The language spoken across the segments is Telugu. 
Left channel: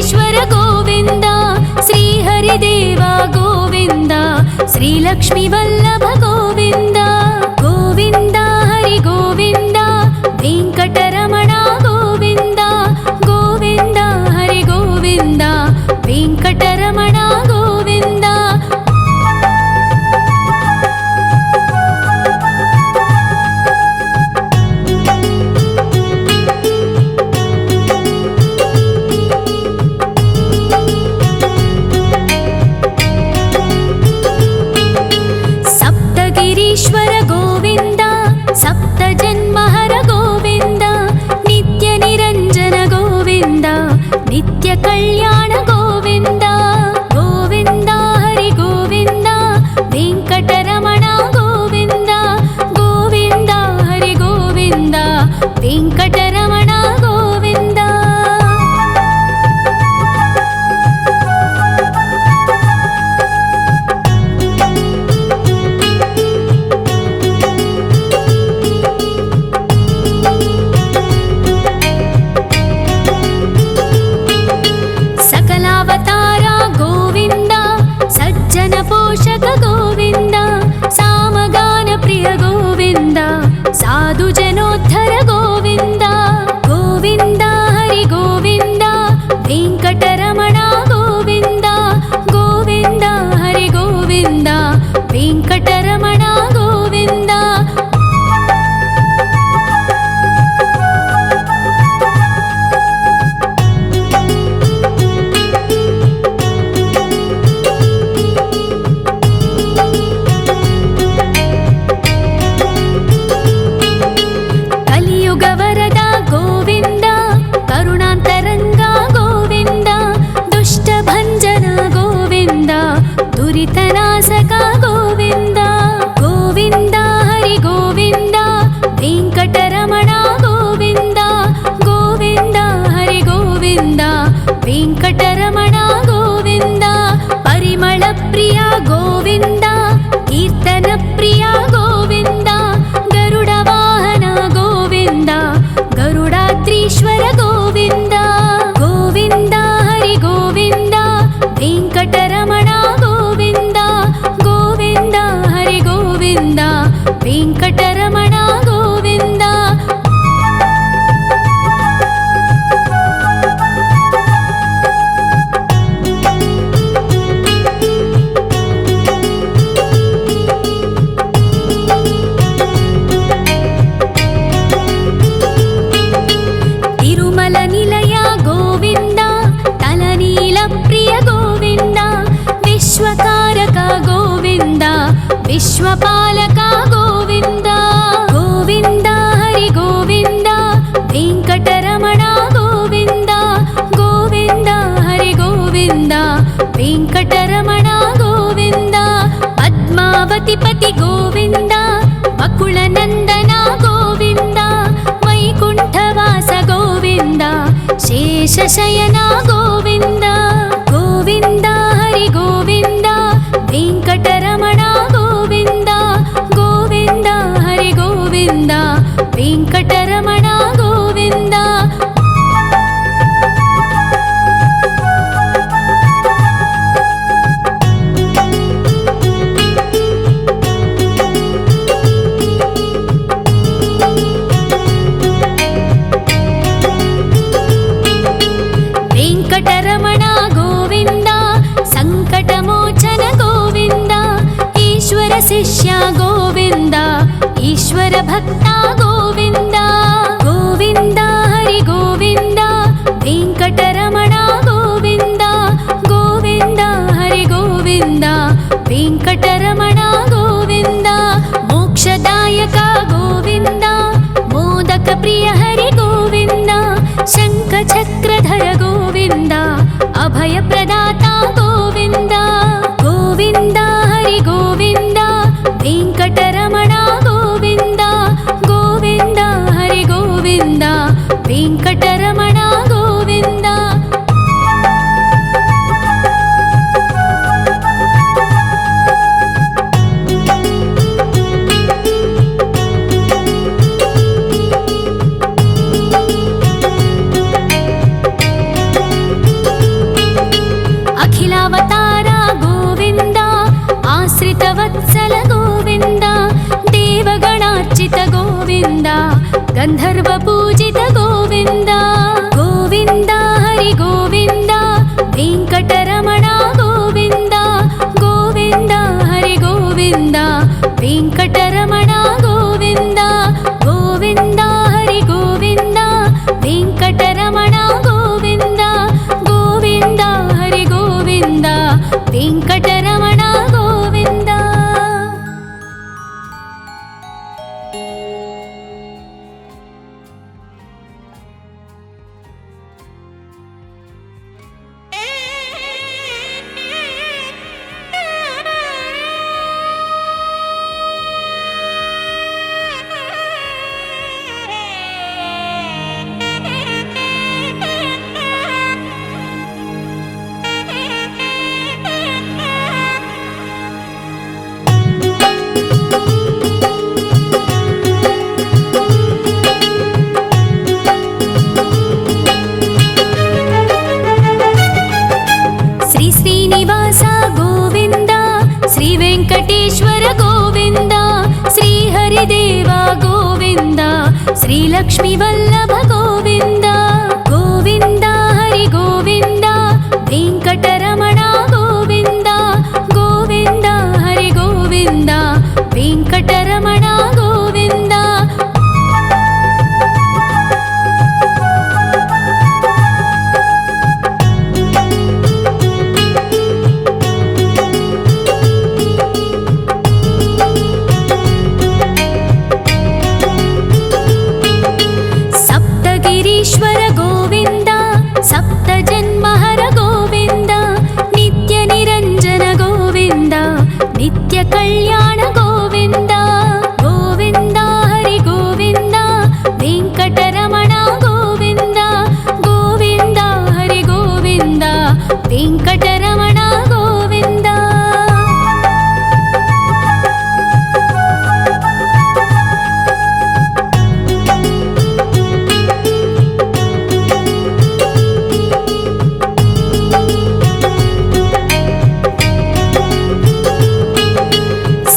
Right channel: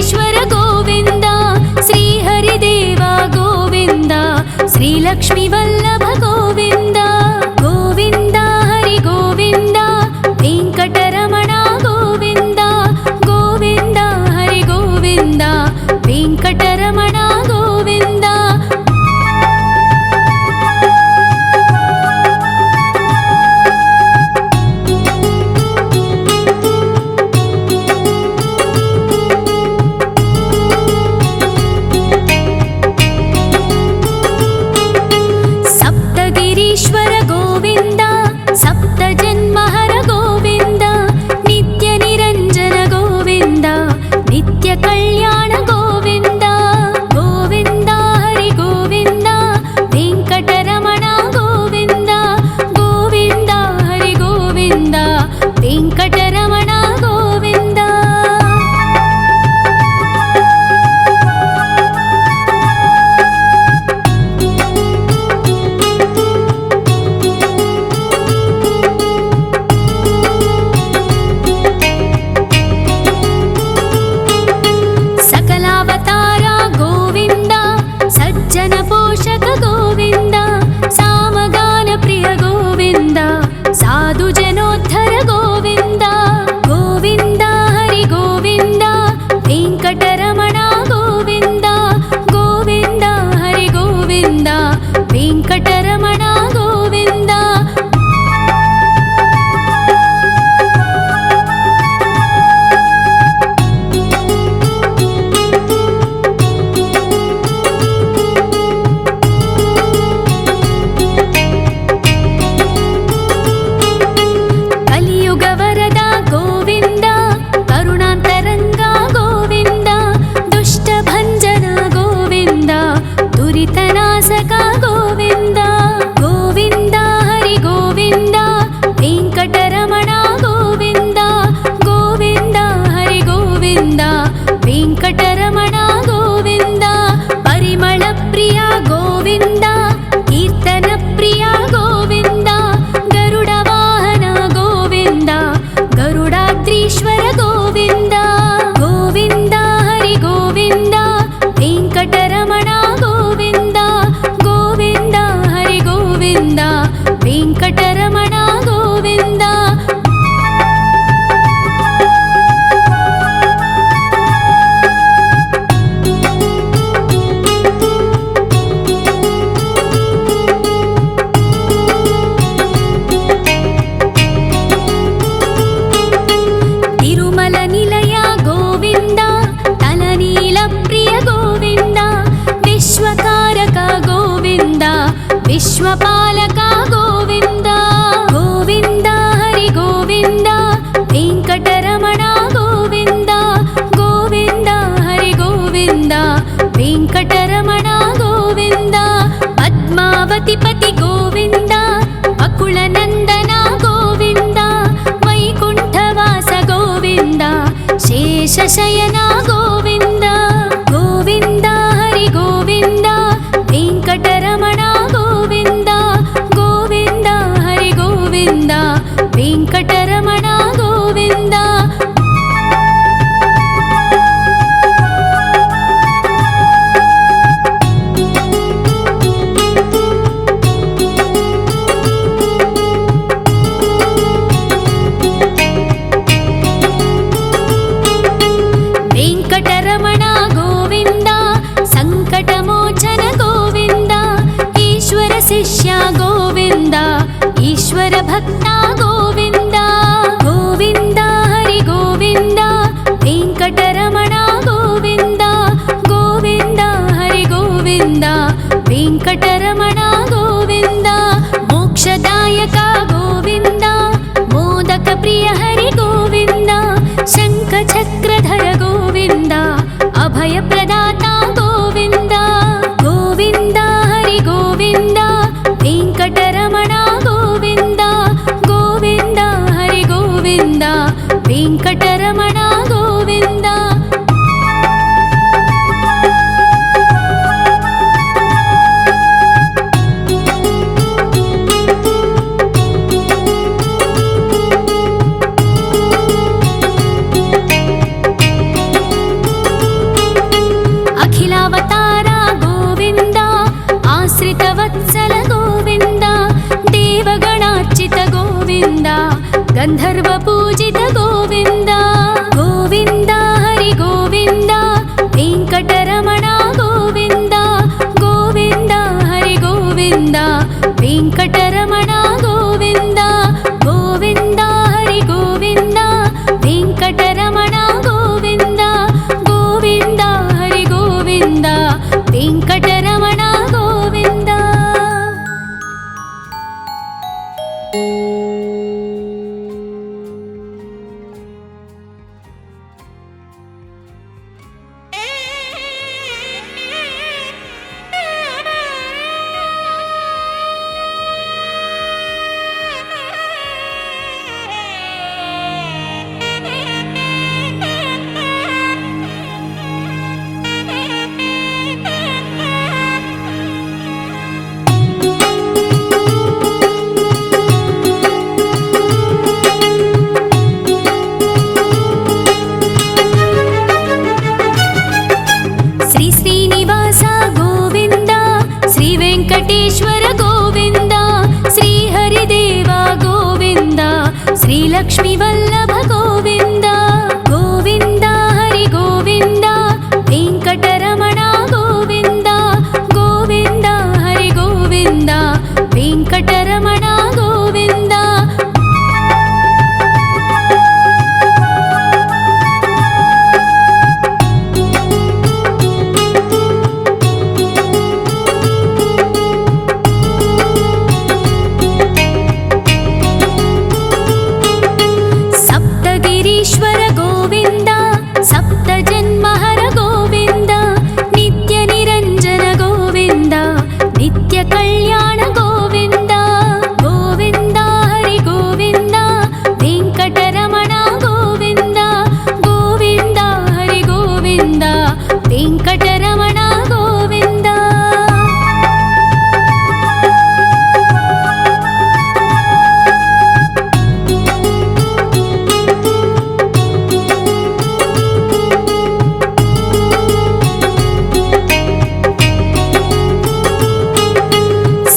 వెంకటేశ్వర గోవింద, శ్రీహరిదేవ గోవింద, శ్రీలక్ష్మీ వల్లభ గోవింద. గోవింద హరి గోవింద, వెంకటరమణ గోవింద. గోవింద హరి గోవింద, వెంకటరమణ గోవింద. సప్తగిరీశ్వర గోవింద, సప్త జన్మహర గోవింద, నిత్య నిరంజన గోవింద, నిత్య కళ్యాణ గోవింద. గోవింద హరి గోవింద, వెంకటరమణ గోవింద. గోవింద హరి గోవింద, వెంకటరమణ గోవింద. సకలావతార గోవింద, సజ్జన పోషక గోవింద, సామగాన ప్రియ గోవింద, సాధు జనోద్ధర గోవింద. గోవింద హరి గోవింద, వెంకటరమణ గోవింద. గోవింద హరి గోవింద, వెంకటరమణ గోవింద. కలియుగ వరద గోవింద, కరుణాంతరంగ గోవింద, దుష్ట భంజన గోవింద, దురితనాశక గోవింద. గోవింద హరి గోవింద, వెంకటరమణ గోవింద. గోవింద హరి గోవింద, వెంకటరమణ గోవింద. పరిమళ ప్రియ గోవింద, కీర్తన ప్రియ గోవింద, గరుడ వాహన గోవింద, గరుడాద్రీశ్వర గోవింద. గోవింద హరి గోవింద, వెంకటరమణ గోవింద. గోవింద హరి గోవింద, వెంకటరమణ గోవింద. తిరుమల నిలయ గోవింద, తలనీల ప్రియ గోవింద, విశ్వకారక గోవింద, విశ్వపాలక గోవింద. గోవింద హరి గోవింద, వెంకటరమణ గోవింద. గోవింద హరి గోవింద, వెంకటరమణ గోవింద. పద్మావతి పతి గోవింద, అకుల నందన గోవింద, వైకుంఠవాస గోవింద, శేషశయన గోవింద. గోవింద హరి గోవింద, వెంకటరమణ గోవింద. గోవింద హరి గోవింద, వెంకటరమణ గోవింద. వెంకటరమణ గోవింద, సంకటమోచన గోవింద, ఈశ్వర శిష్య గోవింద, ఈశ్వర భక్త గోవింద. గోవింద హరి గోవింద, వెంకటరమణ గోవింద. గోవింద హరి గోవింద, వెంకటరమణ గోవింద. మోక్షదాయక గోవింద, మోదక ప్రియ హరి గోవింద, శంఖ చక్రధర గోవింద, అభయ ప్రదాత గోవింద. గోవింద హరి గోవింద, వెంకటరమణ గోవింద. గోవింద హరి గోవింద, వెంకటరమణ గోవింద. आश्रितवत्सल गोविन्द देवगणार्चित गोविन्द गन्धर्वपूजित गोविन्द गोविन्द हरि गोविन्द वेङ्कटरमण गोविन्द गोविन्द हरि गोविन्द वेङ्कटरमण गोविन्द गोविन्द हरि गोविन्द वेङ्कटरमण गोविन्द गोविन्द हरि गोविन्द वेङ्कटरमण गोविन्द। श्रीनिवास गोविन्द श्री वेङ्कटेश्वर गोविन्द श्री हरिदेव गोविन्द श्री लक्ष्मीवल्लभ गोविन्द गोविन्द हरि गोविन्द वेङ्कटरमण गोविन्द गोविन्द हरि गोविन्द वेङ्कटरमण गोविन्द। गिरीश्वर गोविन्द सप्तजन्महर गोविन्द नित्यनिरञ्जन गोविन्द नित्यकल्याण गोविन्द गोविन्द हरि गोविन्द वेङ्कटरमण गोविन्द गोविन्द हरि गोविन्द वेङ्कटरमण गोविन्द।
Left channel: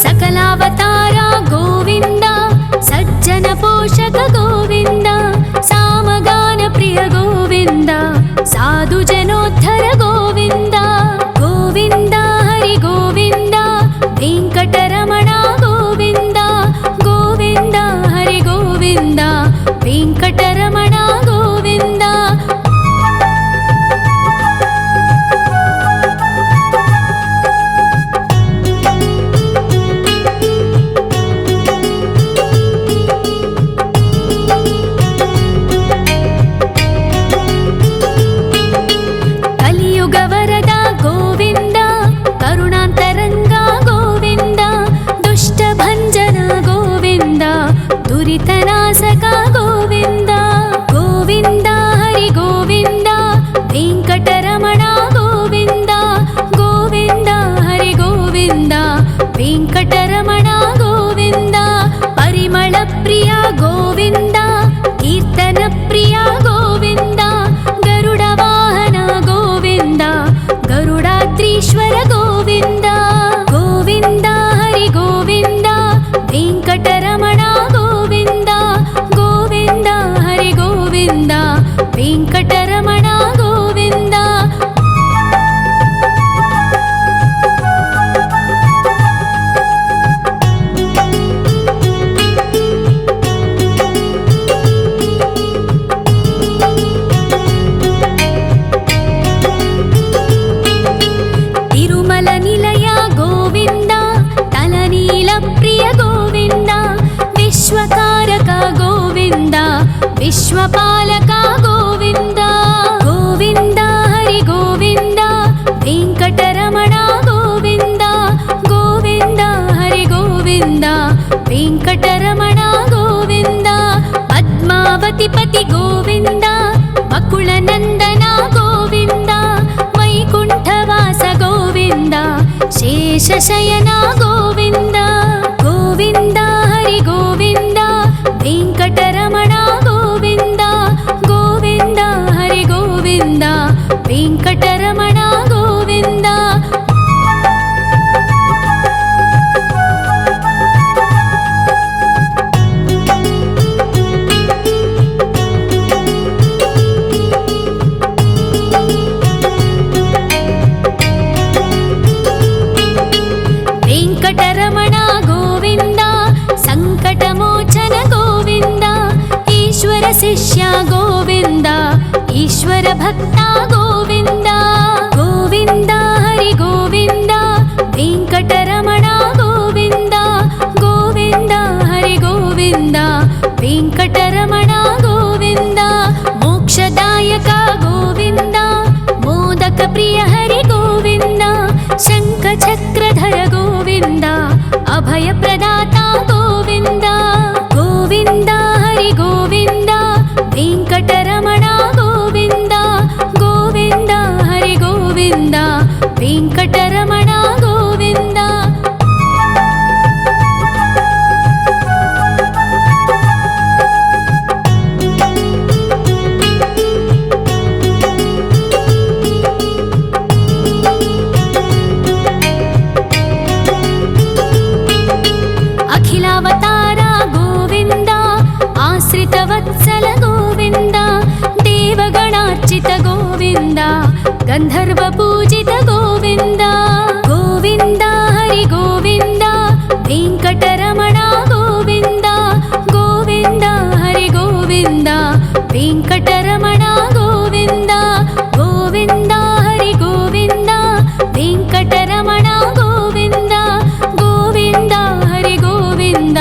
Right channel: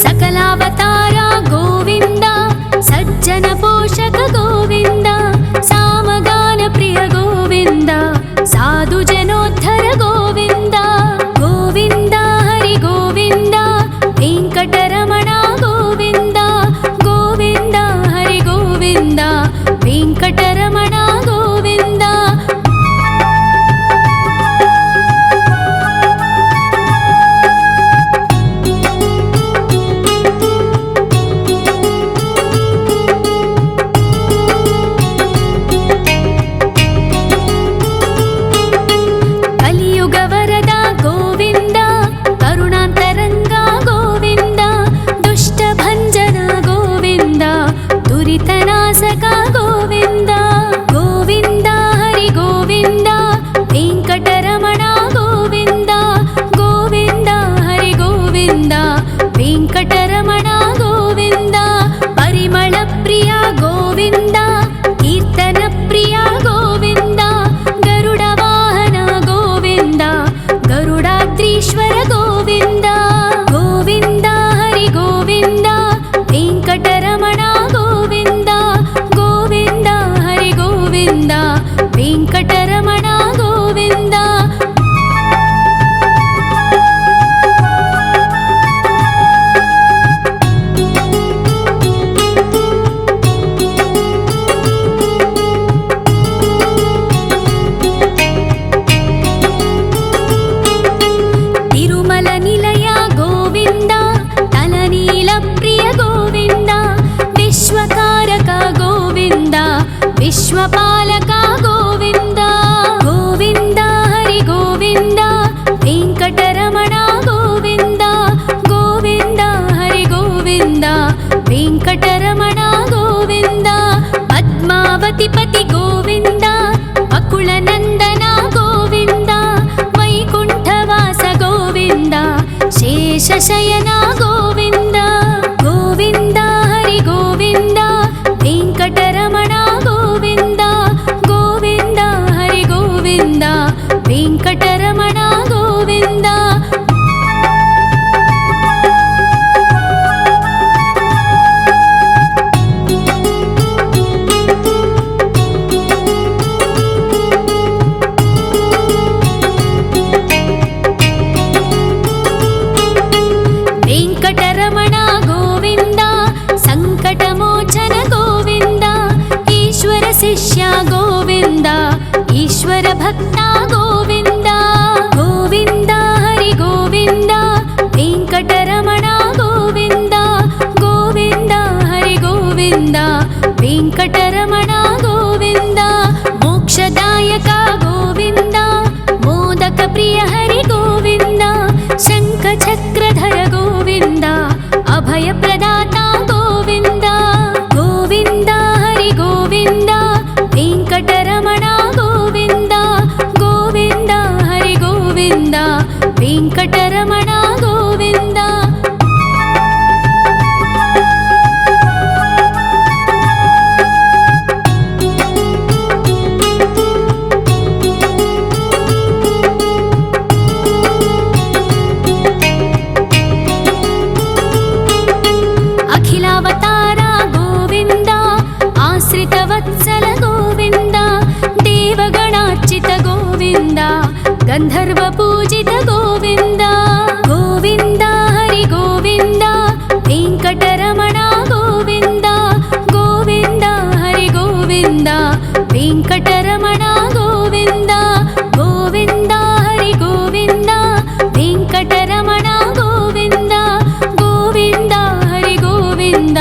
सकलावतार गोविन्द सज्जन पोषक गोविन्द सामगान प्रिय गोविन्द साधु जनोद्धर गोविन्द गोविन्द हरि गोविन्द वेङ्कटरमण गोविन्द गोविन्द हरि गोविन्द वेङ्कटरमण गोविन्द। कलियुग वरद गोविन्द करुणान्तरङ्ग गोविन्द दुष्टभञ्जन गोविन्द दुरितनाशक गोविन्द गोविन्द हरि गोविन्द वेङ्कटरमण गोविन्द गोविन्द हरि गोविन्द वेङ्कटरमण गोविन्द। परिमल प्रिय गोविन्द कीर्तन प्रिय गोविन्द गरुड वाहन गोविन्द गरुडाद्रीश्वर गोविन्द गोविन्द हरि गोविन्द वेङ्कटरमण गोविन्द गोविन्द हरि गोविन्द वेङ्कटरमण गोविन्द। तिरुमल निलय गोविन्द तलनील प्रिय गोविन्द विश्वकारक गोविन्द विश्वपालक गोविन्द गोविन्द हरि गोविन्द वेङ्कटरमण गोविन्द गोविन्द हरि गोविन्द वेङ्कटरमण गोविन्द। पद्मावति पति गोविन्द बकुलनन्दन गोविन्द वैकुण्ठवास गोविन्द शेषशयन गोविन्द गोविन्द हरि गोविन्द वेङ्कटरमण गोविन्द गोविन्द हरि गोविन्द वेङ्कटरमण गोविन्द। వెంకటరమణ గోవింద సంకటమోచన గోవింద ఈశ్వర శిష్య గోవింద ఈశ్వర భక్త గోవింద గోవింద హరి గోవింద వెంకటరమణ గోవింద గోవింద హరి గోవింద వెంకటరమణ గోవింద మోక్షదాయక గోవింద మోదక ప్రియ హరి గోవింద శంఖ చక్రధర గోవింద అభయ ప్రదాత గోవింద గోవింద హరి గోవింద వెంకటరమణ గోవింద గోవింద హరి గోవింద వెంకటరమణ గోవింద అఖిలావతార గోవింద ఆశ్రిత వత్సల గోవింద దేవగణార్చిత గోవింద గంధర్వ పూజిత గోవింద గోవింద హరి గోవింద వెంకటరమణ గోవింద గోవింద హరి గోవింద వెంకటరమణ గోవింద గోవింద హరి గోవింద వెంకటరమణ గోవింద గోవింద హరి గోవింద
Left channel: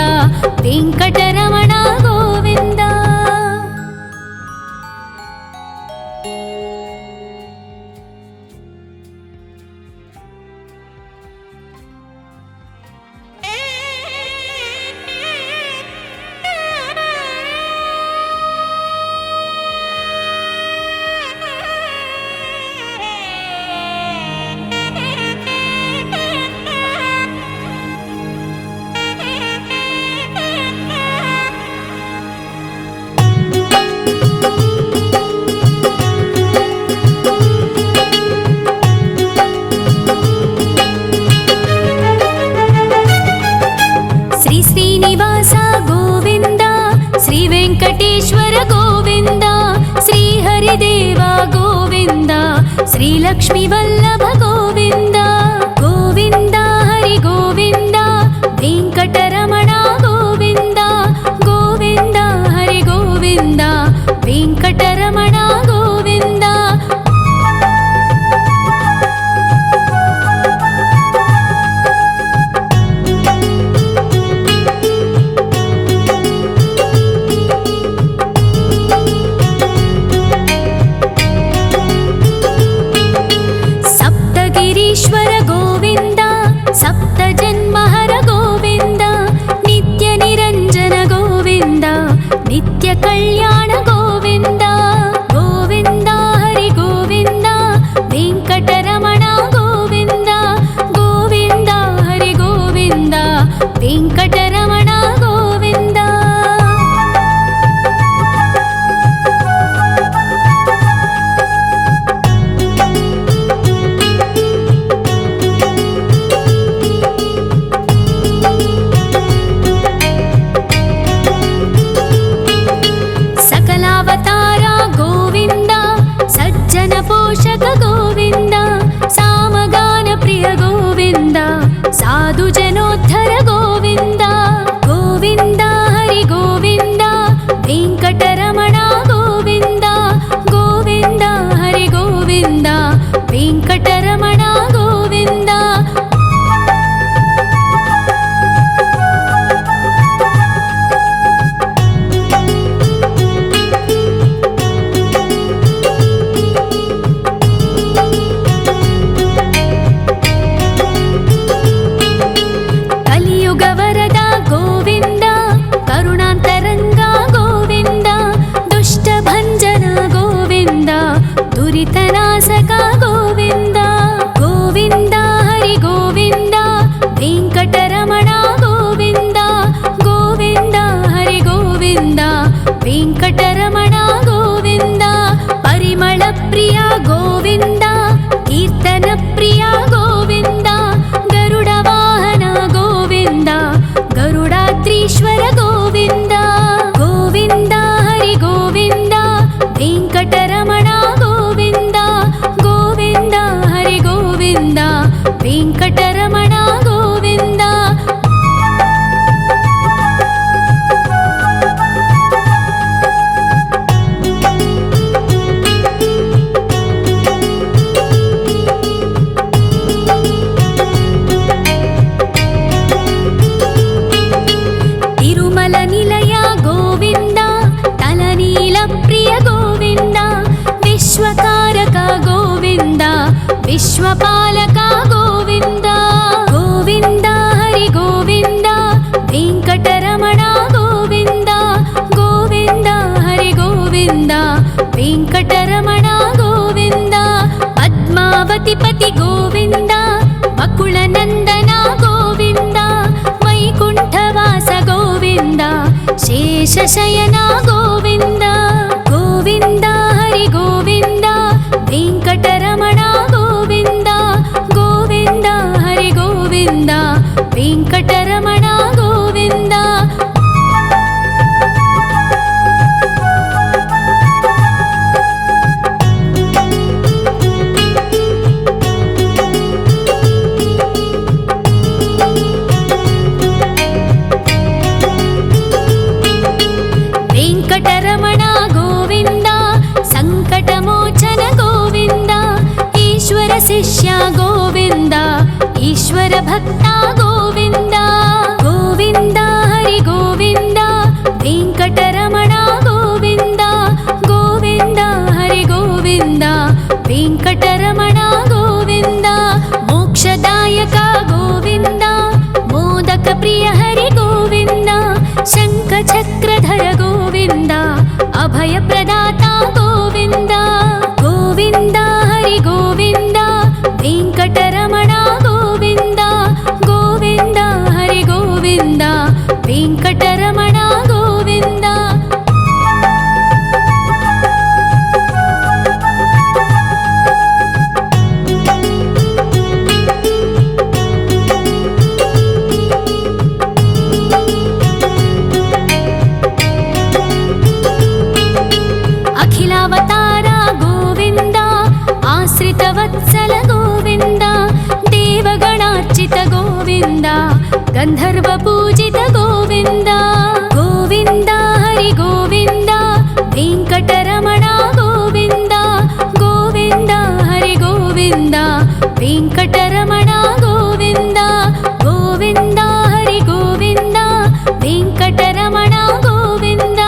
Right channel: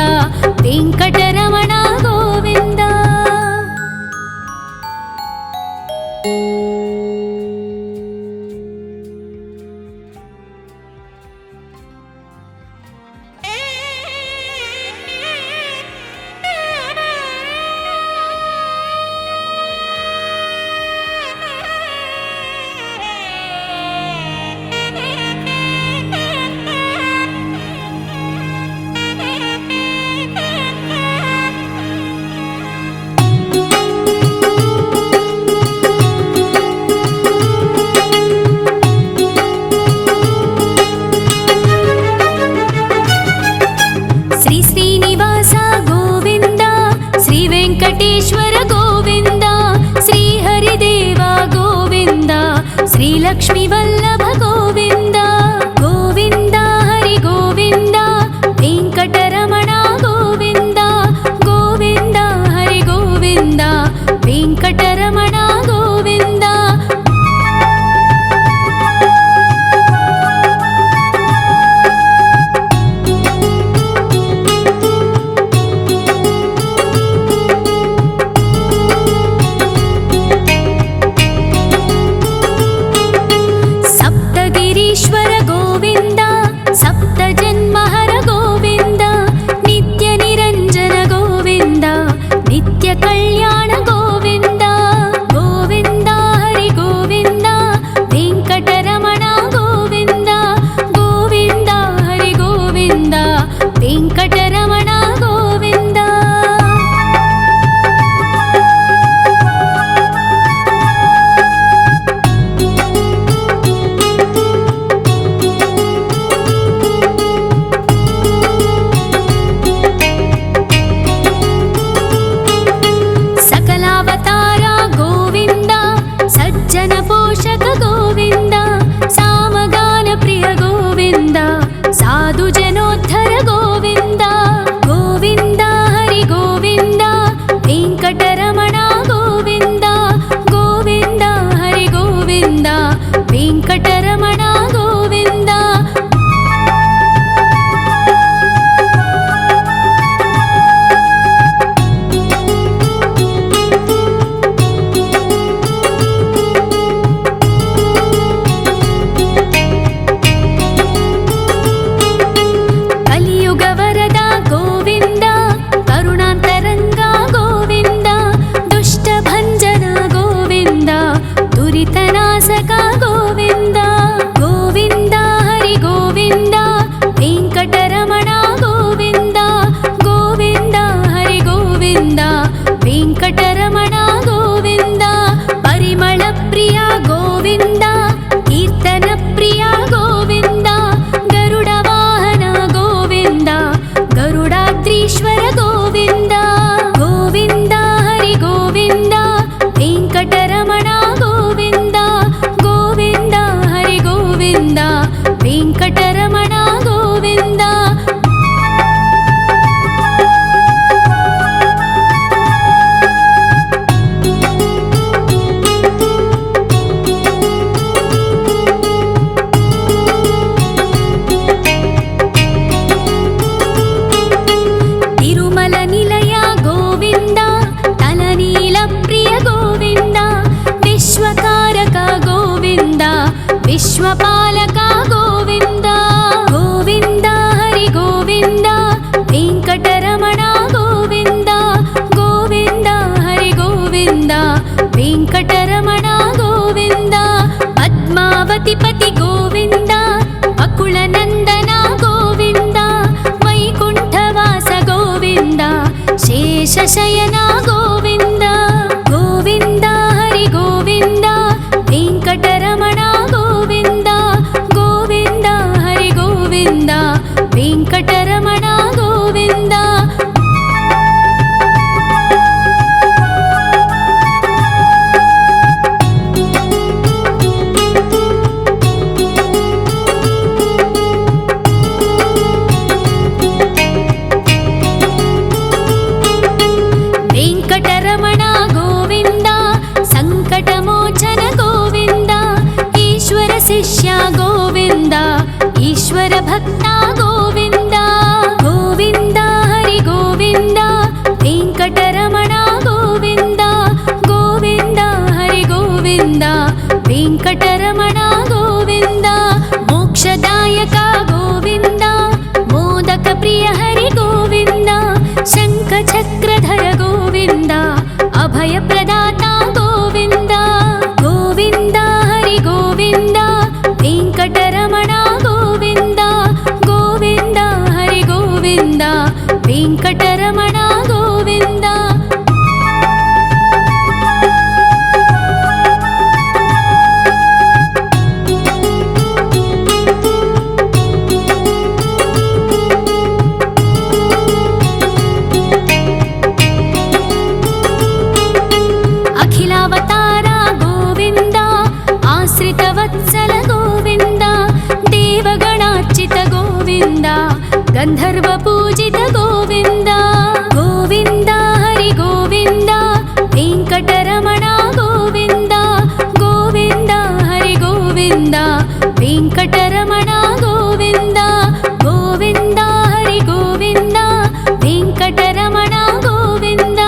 వెంకటరమణ గోవింద శ్రీ శ్రీనివాస గోవింద శ్రీ వెంకటేశ్వర గోవింద శ్రీ హరిదేవ గోవింద శ్రీ లక్ష్మీ వల్లభ గోవింద గోవింద హరి గోవింద వెంకటరమణ గోవింద గోవింద హరి గోవింద వెంకటరమణ గోవింద సప్తగిరీశ్వర గోవింద సప్త జన్మహర గోవింద నిత్య నిరంజన గోవింద నిత్య కళ్యాణ గోవింద గోవింద హరి గోవింద వెంకటరమణ గోవింద గోవింద హరి గోవింద వెంకటరమణ గోవింద సకలావతార గోవింద సజ్జన పోషక గోవింద సామగాన ప్రియ గోవింద సాధు జనోద్ధర గోవింద గోవింద హరి గోవింద వెంకటరమణ గోవింద గోవింద హరి గోవింద వెంకటరమణ గోవింద కలియుగ వరద గోవింద కరుణాంతరంగ గోవింద దుష్ట భంజన గోవింద దురితనాశక గోవింద గోవింద హరి గోవింద వెంకటరమణ గోవింద గోవింద హరి గోవింద వెంకటరమణ గోవింద పరిమళ ప్రియ గోవింద కీర్తన ప్రియ గోవింద గరుడ వాహన గోవింద గరుడాద్రీశ్వర గోవింద గోవింద హరి గోవింద వెంకటరమణ గోవింద గోవింద హరి గోవింద వెంకటరమణ గోవింద विश्वकारक गोविन्द विश्वपालक गोविन्द गोविन्द हरि गोविन्द वेङ्कटरमण गोविन्द गोविन्द हरि गोविन्द वेङ्कटरमण गोविन्द पद्मावतिपति गोविन्द बकुलनन्दन गोविन्द वैकुण्ठवास गोविन्द शेषशयन गोविन्द गोविन्द हरि गोविन्द वेङ्कटरमण गोविन्द गोविन्द हरि गोविन्द वेङ्कटरमण गोविन्द वेङ्कटरमण गोविन्द सङ्कटमोचन गोविन्द ईश्वर शिष्य गोविन्द ईश्वर भक्त गोविन्द गोविन्द हरि गोविन्द वेङ्कटरमण गोविन्द गोविन्द हरि गोविन्द वेङ्कटरमण गोविन्द मोक्षदायक गोविन्द मोदक प्रिय हरि गोविन्द शङ्खचक्रधर गोविन्द अभयप्रदाता गोविन्द गोविन्द हरि गोविन्द वेङ्कटरमण गोविन्द गोविन्द हरि गोविन्द वेङ्कटरमण गोविन्द अखिलावतार गोविन्द आश्रितवत्सल गोविन्द देवगणार्चित गोविन्द गन्धर्वपूजित गोविन्द गोविन्द हरि गोविन्द वेङ्कटरमण गोविन्द गोविन्द हरि गोविन्द वेङ्कटरमण गोविन्द गोविन्द हरि गोविन्द वेङ्कटरमण गोविन्द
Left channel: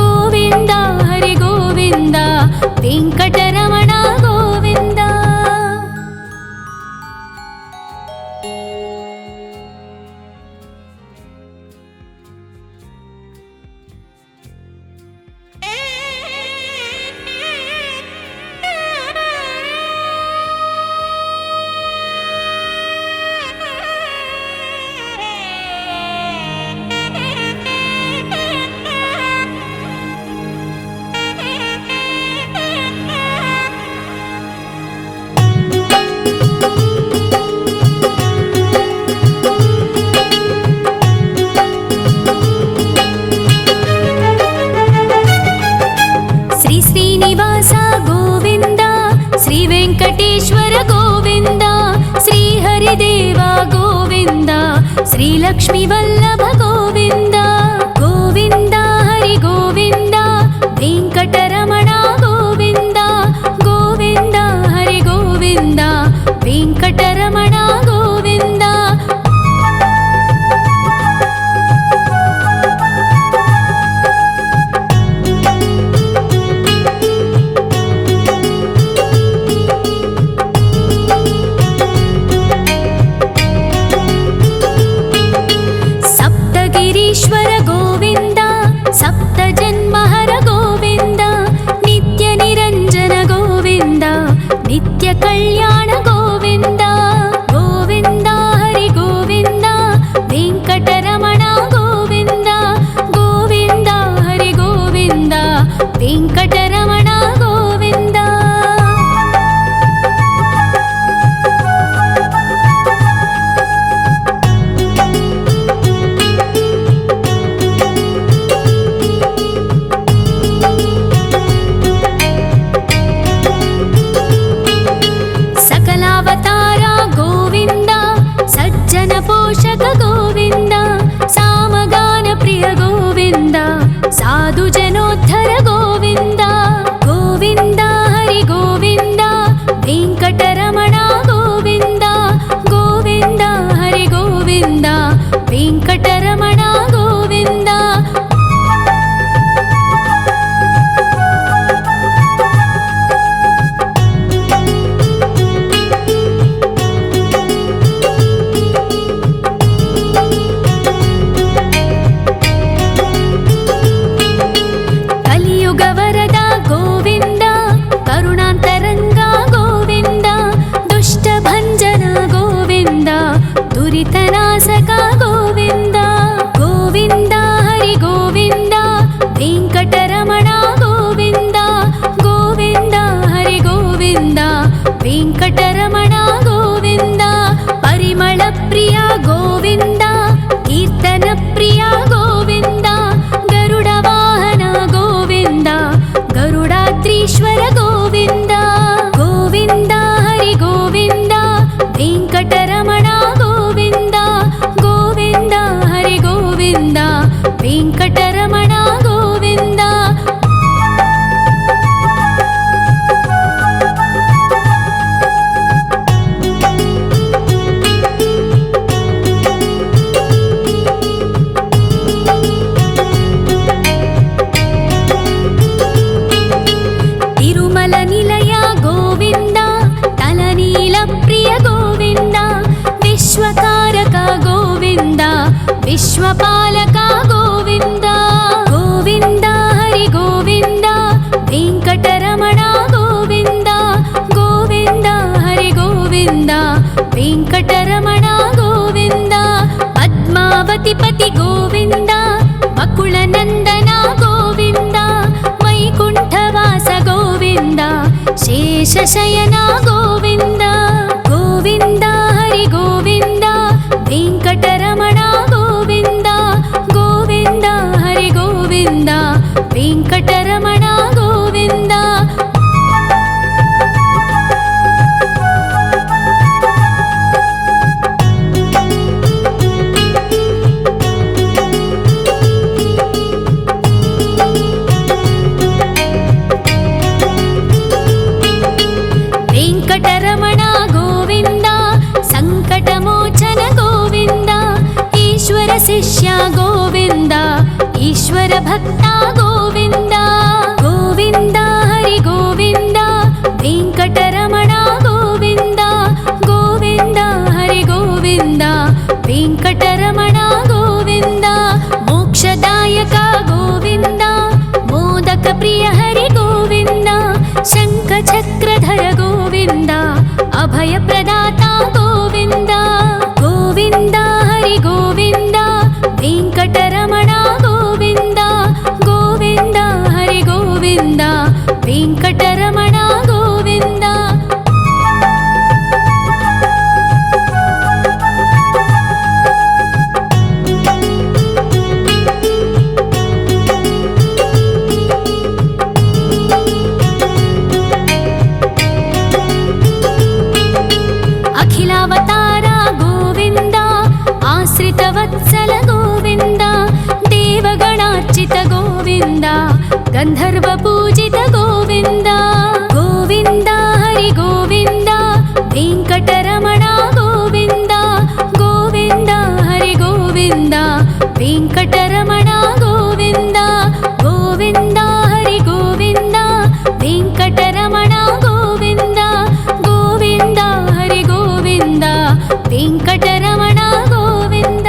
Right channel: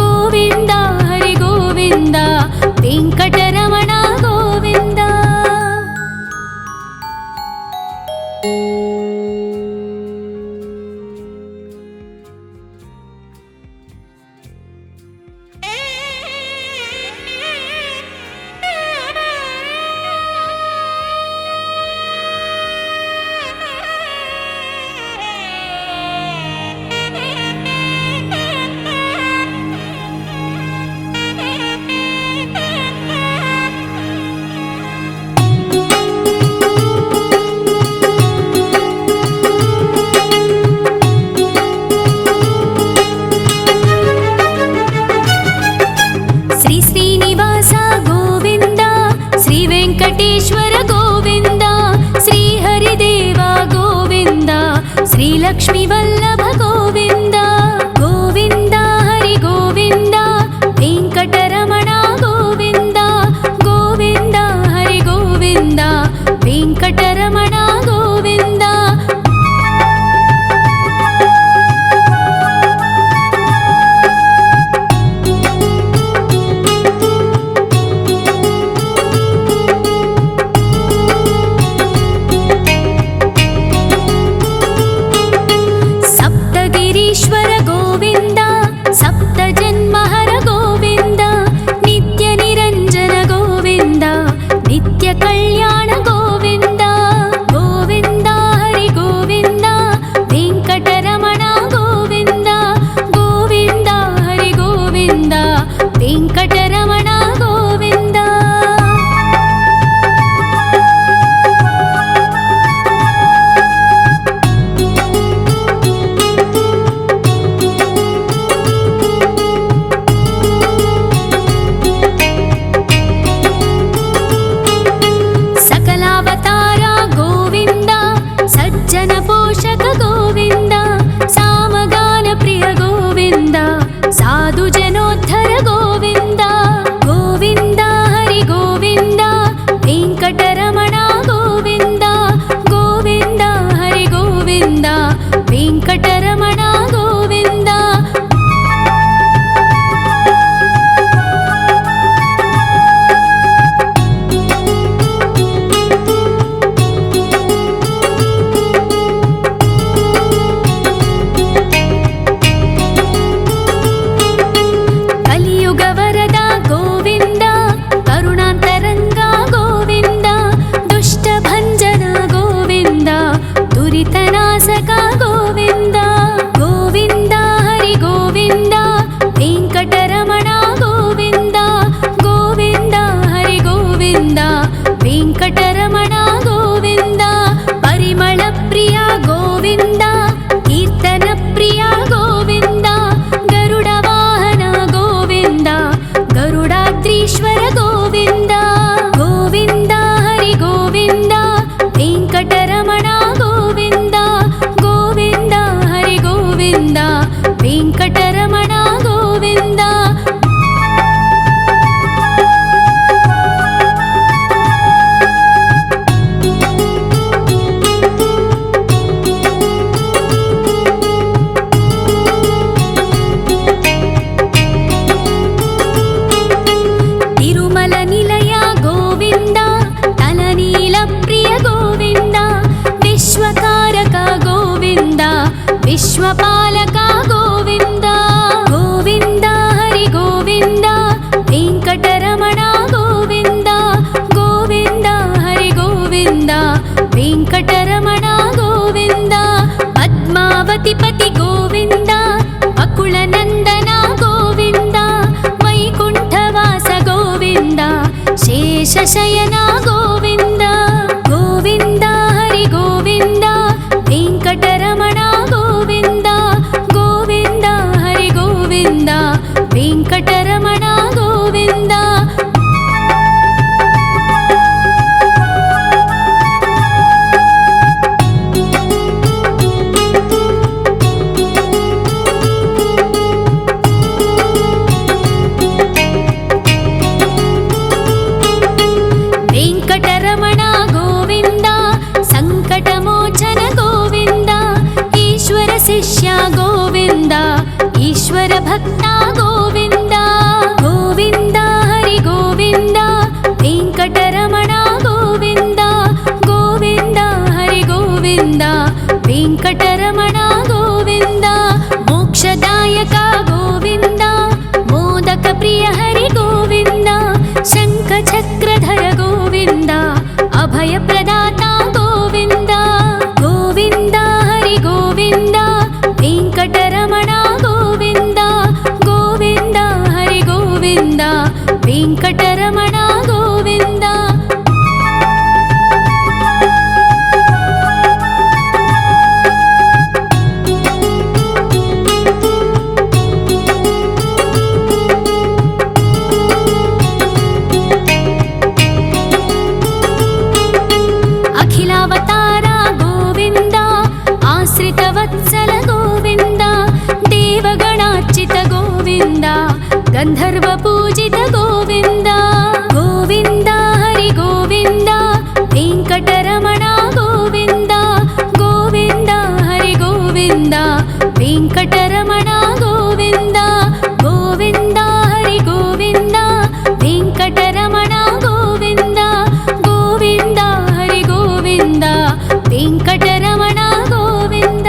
गोविन्द हरि गोविन्द वेङ्कटरमण गोविन्द श्री श्रीनिवास गोविन्द श्री वेङ्कटेश्वर गोविन्द श्री हरिदेव गोविन्द श्री लक्ष्मीवल्लभ गोविन्द गोविन्द हरि गोविन्द वेङ्कटरमण गोविन्द गोविन्द हरि गोविन्द वेङ्कटरमण गोविन्द सप्तगिरीश्वर गोविन्द सप्तजन्महर गोविन्द नित्यनिरञ्जन गोविन्द नित्यकल्याण गोविन्द गोविन्द हरि गोविन्द वेङ्कटरमण गोविन्द गोविन्द हरि गोविन्द वेङ्कटरमण गोविन्द सकलावतार गोविन्द सज्जन पोषक गोविन्द सामगान प्रिय गोविन्द साधु जनोद्धर गोविन्द गोविन्द हरि गोविन्द वेङ्कटरमण गोविन्द गोविन्द हरि गोविन्द वेङ्कटरमण गोविन्द विश्वकारक गोविन्द विश्वपालक गोविन्द गोविन्द हरि गोविन्द वेङ्कटरमण गोविन्द गोविन्द हरि गोविन्द वेङ्कटरमण गोविन्द पद्मावतिपति गोविन्द वकुलनन्दन गोविन्द वैकुण्ठवास गोविन्द शेषशयन गोविन्द गोविन्द हरि गोविन्द वेङ्कटरमण गोविन्द गोविन्द हरि गोविन्द वेङ्कटरमण गोविन्द वेङ्कटरमण गोविन्द सङ्कटमोचन गोविन्द ईश्वर शिष्य गोविन्द ईश्वर भक्त गोविन्द गोविन्द हरि गोविन्द वेङ्कटरमण गोविन्द गोविन्द हरि गोविन्द वेङ्कटरमण गोविन्द मोक्षदायक गोविन्द मोदक प्रिय हरि गोविन्द शङ्खचक्रधर गोविन्द अभयप्रदाता गोविन्द गोविन्द हरि गोविन्द वेङ्कटरमण गोविन्द गोविन्द हरि गोविन्द वेङ्कटरमण गोविन्द अखिलावतार गोविन्द आश्रितवत्सल गोविन्द देवगणार्चित गोविन्द गन्धर्वपूजित गोविन्द गोविन्द हरि गोविन्द वेङ्कटरमण गोविन्द गोविन्द हरि गोविन्द वेङ्कटरमण गोविन्द गोविन्द हरि गोविन्द वेङ्कटरमण गोविन्द गोविन्द हरि गोविन्द वेङ्कटरमण गोविन्द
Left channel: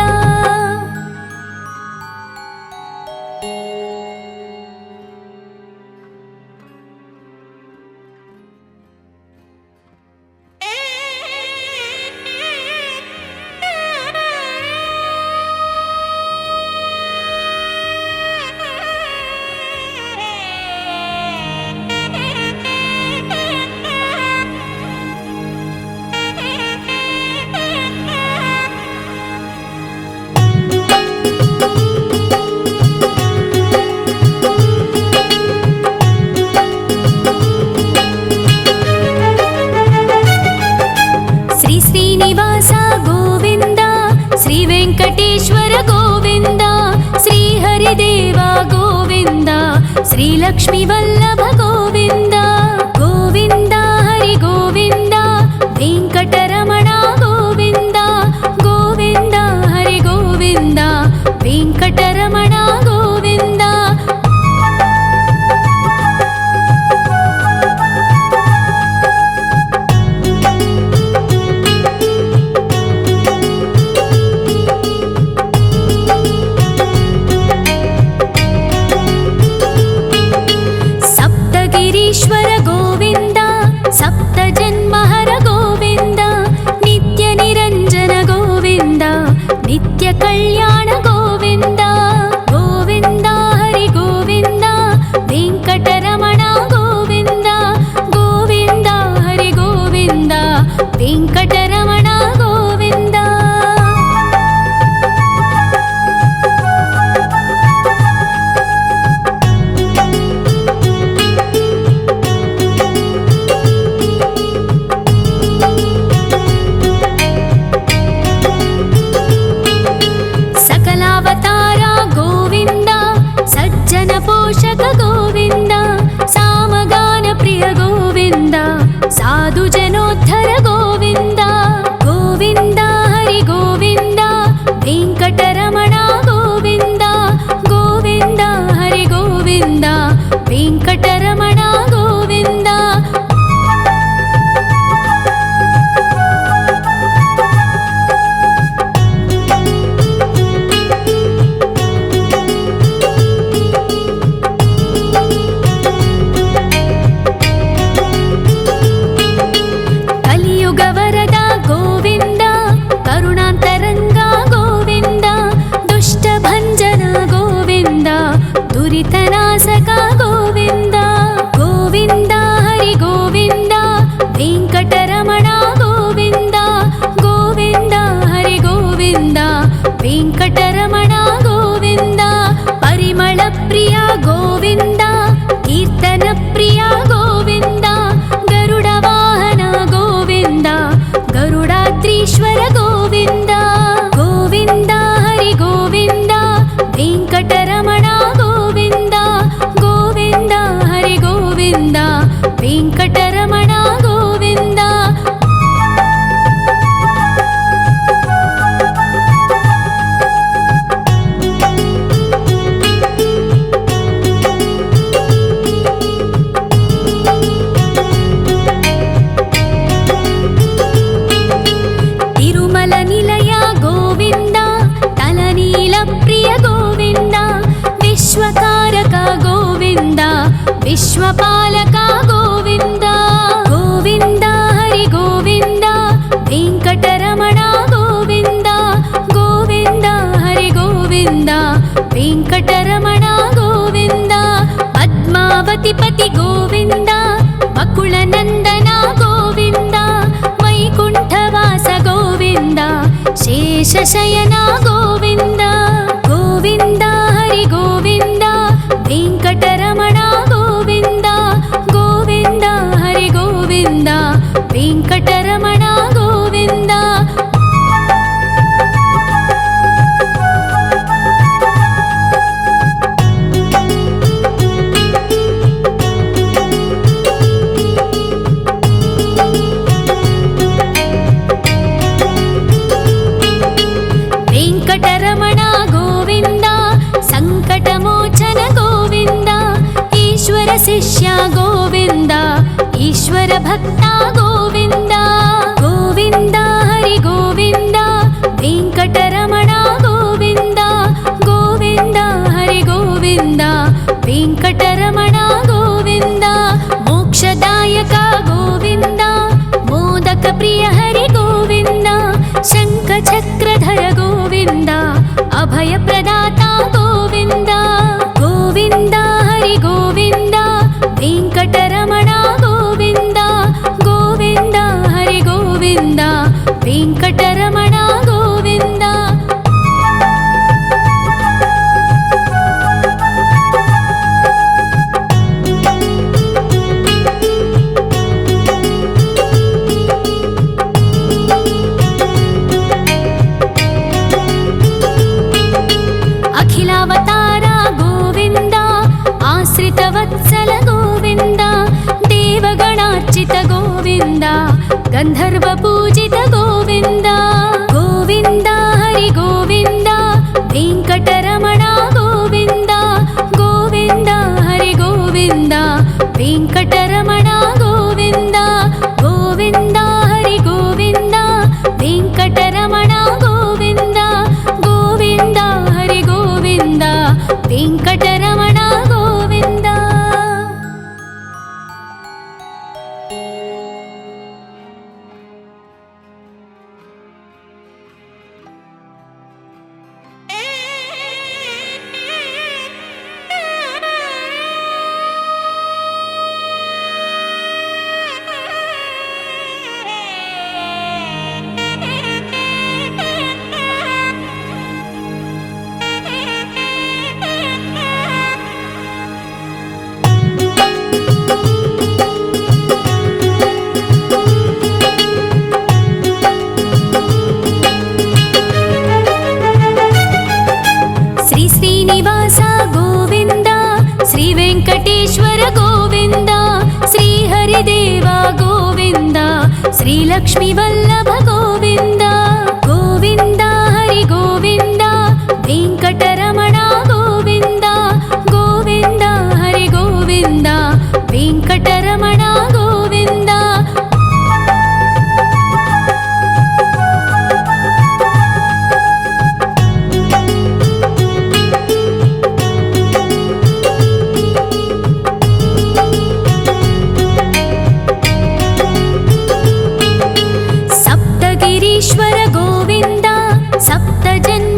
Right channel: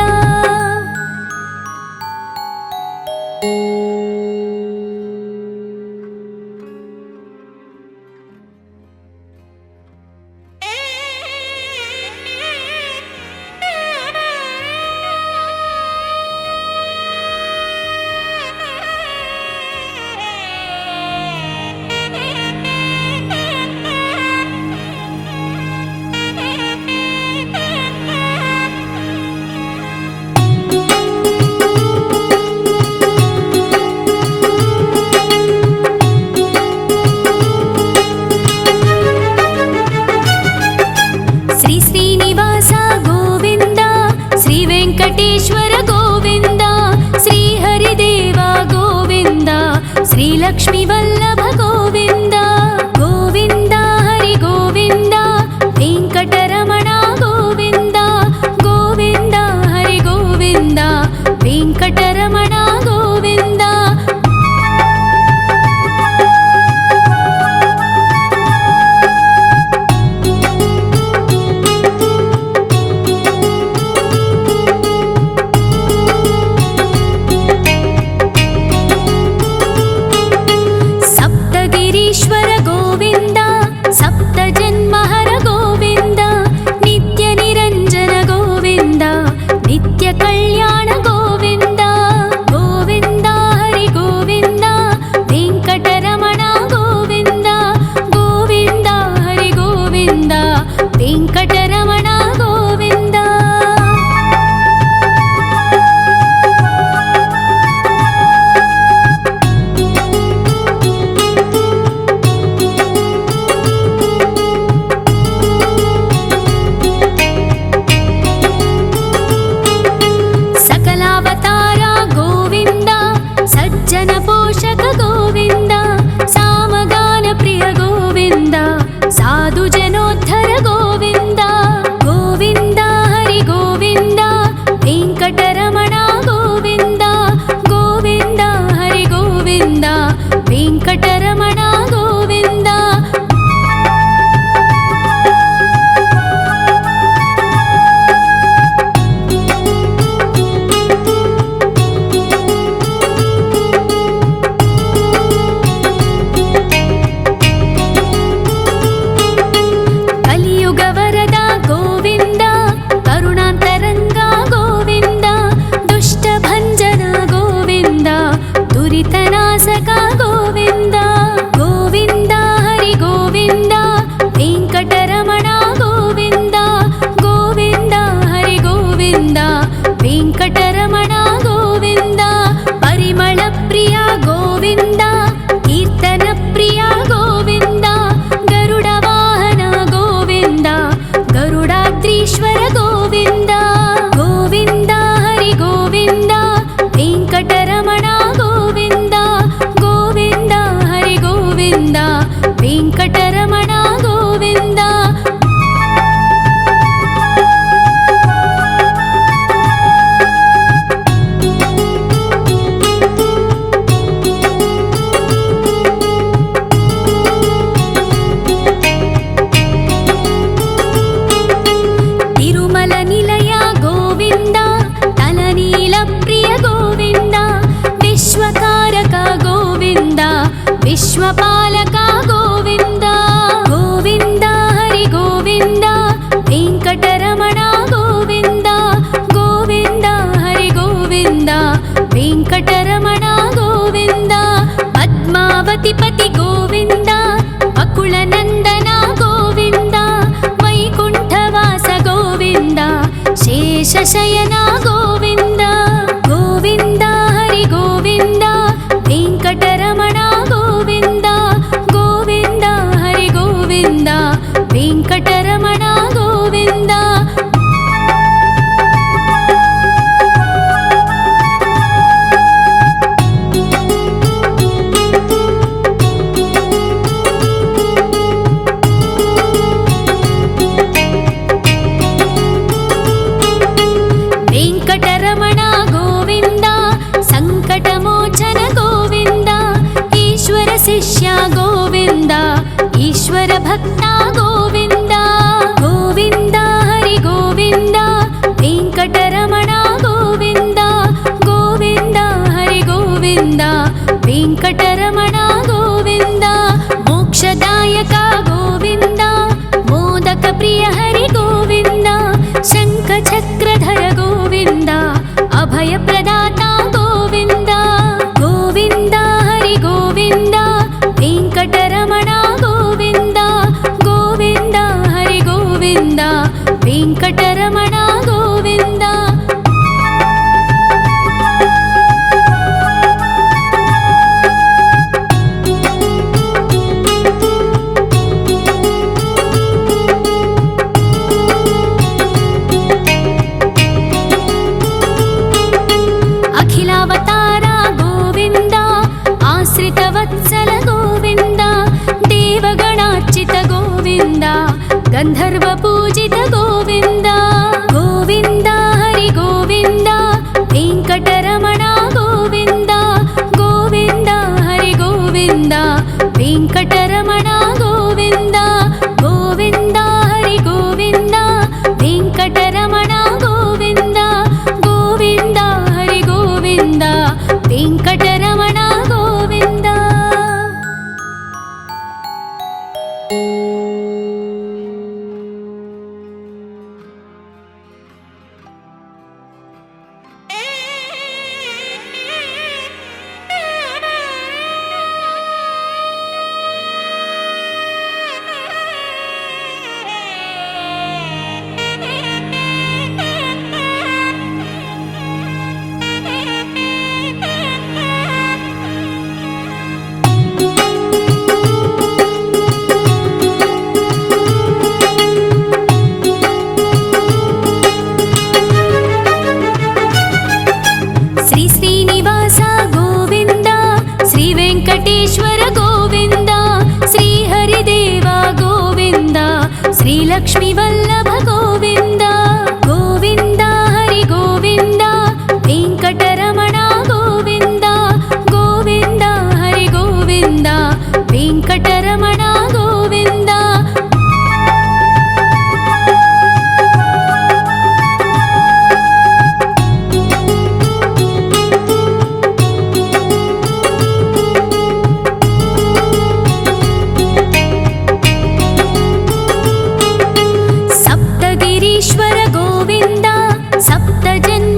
श्री श्रीनिवास गोविन्द श्री वेङ्कटेश्वर गोविन्द श्री हरिदेव गोविन्द श्री लक्ष्मीवल्लभ गोविन्द गोविन्द हरि गोविन्द वेङ्कटरमण गोविन्द गोविन्द हरि गोविन्द वेङ्कटरमण गोविन्द सप्तगिरीश्वर गोविन्द सप्तजन्महर गोविन्द नित्यनिरञ्जन गोविन्द नित्यकल्याण गोविन्द गोविन्द हरि गोविन्द वेङ्कटरमण गोविन्द गोविन्द हरि गोविन्द वेङ्कटरमण गोविन्द ವೆಂಕಟರಮಣ ಗೋವಿಂದ. ಪರಿಮಳ ಪ್ರಿಯ ಗೋವಿಂದ, ಕೀರ್ತನ ಪ್ರಿಯ ಗೋವಿಂದ. ಗರುಡ ವಾಹನ ಗೋವಿಂದ, ಗರುಡಾದ್ರೀಶ್ವರ ಗೋವಿಂದ. ಗೋವಿಂದ ಹರಿ ಗೋವಿಂದ, ವೆಂಕಟರಮಣ ಗೋವಿಂದ. ಗೋವಿಂದ ಹರಿ ಗೋವಿಂದ, ವೆಂಕಟರಮಣ ಗೋವಿಂದ. ತಿರುಮಲ ನಿಲಯ ಗೋವಿಂದ, ತಲನೀಲ ಪ್ರಿಯ ಗೋವಿಂದ. ವಿಶ್ವಕಾರಕ ಗೋವಿಂದ, ವಿಶ್ವಪಾಲಕ ಗೋವಿಂದ. ಗೋವಿಂದ ಹರಿ ಗೋವಿಂದ, ವೆಂಕಟರಮಣ ಗೋವಿಂದ. ಗೋವಿಂದ ಹರಿ ಗೋವಿಂದ, ವೆಂಕಟರಮಣ ಗೋವಿಂದ. ಪದ್ಮಾವತಿ ಪತಿ ಗೋವಿಂದ, ಬಕುಳ ನಂದನ ಗೋವಿಂದ. ವೈಕುಂಠವಾಸ ಗೋವಿಂದ, ಶೇಷಶಯನ ಗೋವಿಂದ. ಗೋವಿಂದ ಹರಿ ಗೋವಿಂದ, ವೆಂಕಟರಮಣ ಗೋವಿಂದ. ಗೋವಿಂದ ಹರಿ ಗೋವಿಂದ, ವೆಂಕಟರಮಣ ಗೋವಿಂದ. ವೆಂಕಟರಮಣ ಗೋವಿಂದ, ಸಂಕಟಮೋಚನ ಗೋವಿಂದ. ಈಶ್ವರ ಶಿಷ್ಯ ಗೋವಿಂದ, ಈಶ್ವರ ಭಕ್ತ ಗೋವಿಂದ. ಗೋವಿಂದ ಹರಿ ಗೋವಿಂದ, ವೆಂಕಟರಮಣ ಗೋವಿಂದ. ಗೋವಿಂದ ಹರಿ ಗೋವಿಂದ, ವೆಂಕಟರಮಣ ಗೋವಿಂದ. ಮೋಕ್ಷದಾಯಕ ಗೋವಿಂದ, ಮೋದಕ ಪ್ರಿಯ ಹರಿ ಗೋವಿಂದ. ಶಂಖ ಚಕ್ರಧರ ಗೋವಿಂದ, ಅಭಯ ಪ್ರದಾತ ಗೋವಿಂದ. ಗೋವಿಂದ ಹರಿ ಗೋವಿಂದ, ವೆಂಕಟರಮಣ ಗೋವಿಂದ. ಗೋವಿಂದ ಹರಿ ಗೋವಿಂದ, ವೆಂಕಟರಮಣ ಗೋವಿಂದ. ಅಖಿಲಾವತಾರ ಗೋವಿಂದ, ಆಶ್ರಿತ ವತ್ಸಲ ಗೋವಿಂದ. ದೇವಗಣಾರ್ಚಿತ ಗೋವಿಂದ, ಗಂಧರ್ವ ಪೂಜಿತ ಗೋವಿಂದ. ಗೋವಿಂದ ಹರಿ ಗೋವಿಂದ, ವೆಂಕಟರಮಣ ಗೋವಿಂದ. ಗೋವಿಂದ ಹರಿ ಗೋವಿಂದ, ವೆಂಕಟರಮಣ ಗೋವಿಂದ. ಗೋವಿಂದ ಹರಿ ಗೋವಿಂದ, ವೆಂಕಟರಮಣ ಗೋವಿಂದ. ಗೋವಿಂದ ಹರಿ ಗೋವಿಂದ, ವೆಂಕಟರಮಣ ಗೋವಿಂದ. ಶ್ರೀ ಶ್ರೀನಿವಾಸ ಗೋವಿಂದ, ಶ್ರೀ ವೆಂಕಟೇಶ್ವರ ಗೋವಿಂದ. ಶ್ರೀ ಹರಿದೇವ ಗೋವಿಂದ, ಶ್ರೀ ಲಕ್ಷ್ಮೀ ವಲ್ಲಭ ಗೋವಿಂದ. ಗೋವಿಂದ ಹರಿ ಗೋವಿಂದ, ವೆಂಕಟರಮಣ ಗೋವಿಂದ. ಗೋವಿಂದ ಹರಿ ಗೋವಿಂದ, ವೆಂಕಟರಮಣ ಗೋವಿಂದ. ಸಪ್ತಗಿರೀಶ್ವರ ಗೋವಿಂದ, ಸಪ್ತ ಜನ್ಮ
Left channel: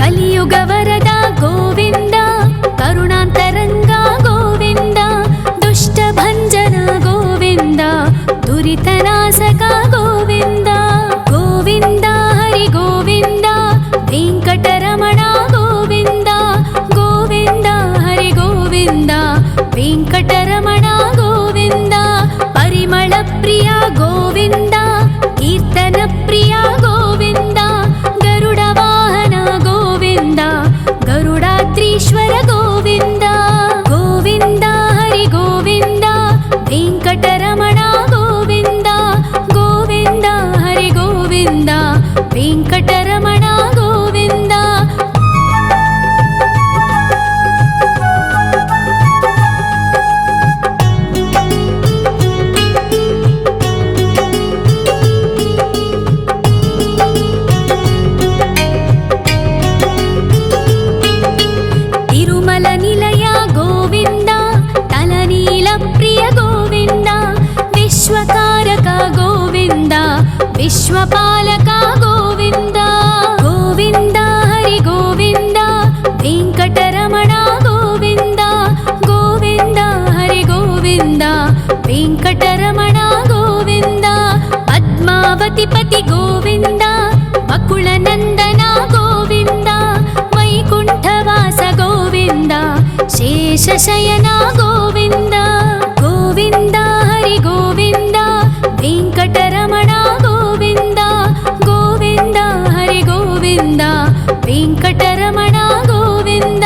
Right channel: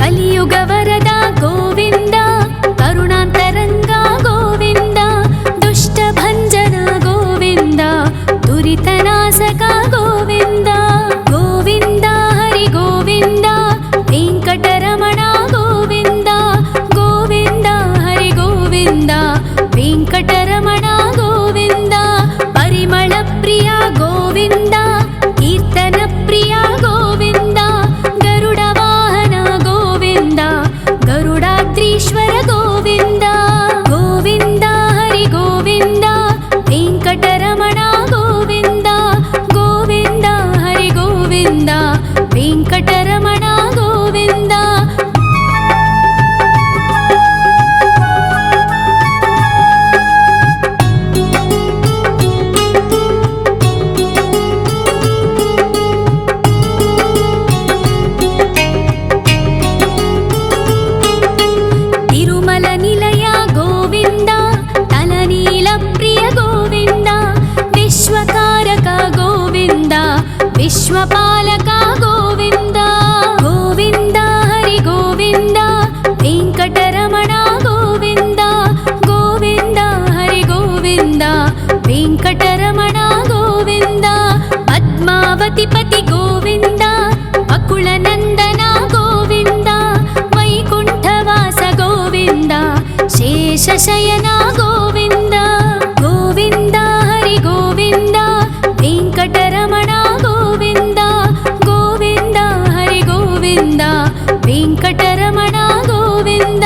కలియుగ వరద గోవింద, కరుణాంతరంగ గోవింద, దుష్ట భంజన గోవింద, దురితనాశక గోవింద. గోవింద హరి గోవింద, వెంకటరమణ గోవింద, గోవింద హరి గోవింద, వెంకటరమణ గోవింద. పరిమళ ప్రియ గోవింద, కీర్తన ప్రియ గోవింద, గరుడ వాహన గోవింద, గరుడాద్రీశ్వర గోవింద. గోవింద హరి గోవింద, వెంకటరమణ గోవింద, గోవింద హరి గోవింద, వెంకటరమణ గోవింద. తిరుమల నిలయ గోవింద, తలనీల ప్రియ గోవింద, విశ్వకారక గోవింద, విశ్వపాలక గోవింద. గోవింద హరి గోవింద, వెంకటరమణ గోవింద, గోవింద హరి గోవింద, వెంకటరమణ గోవింద. పద్మావతి పతి గోవింద, వకుళ నందన గోవింద, వైకుంఠవాస గోవింద, శేషశయన గోవింద. గోవింద హరి గోవింద, వెంకటరమణ గోవింద, గోవింద హరి గోవింద, వెంకటరమణ గోవింద.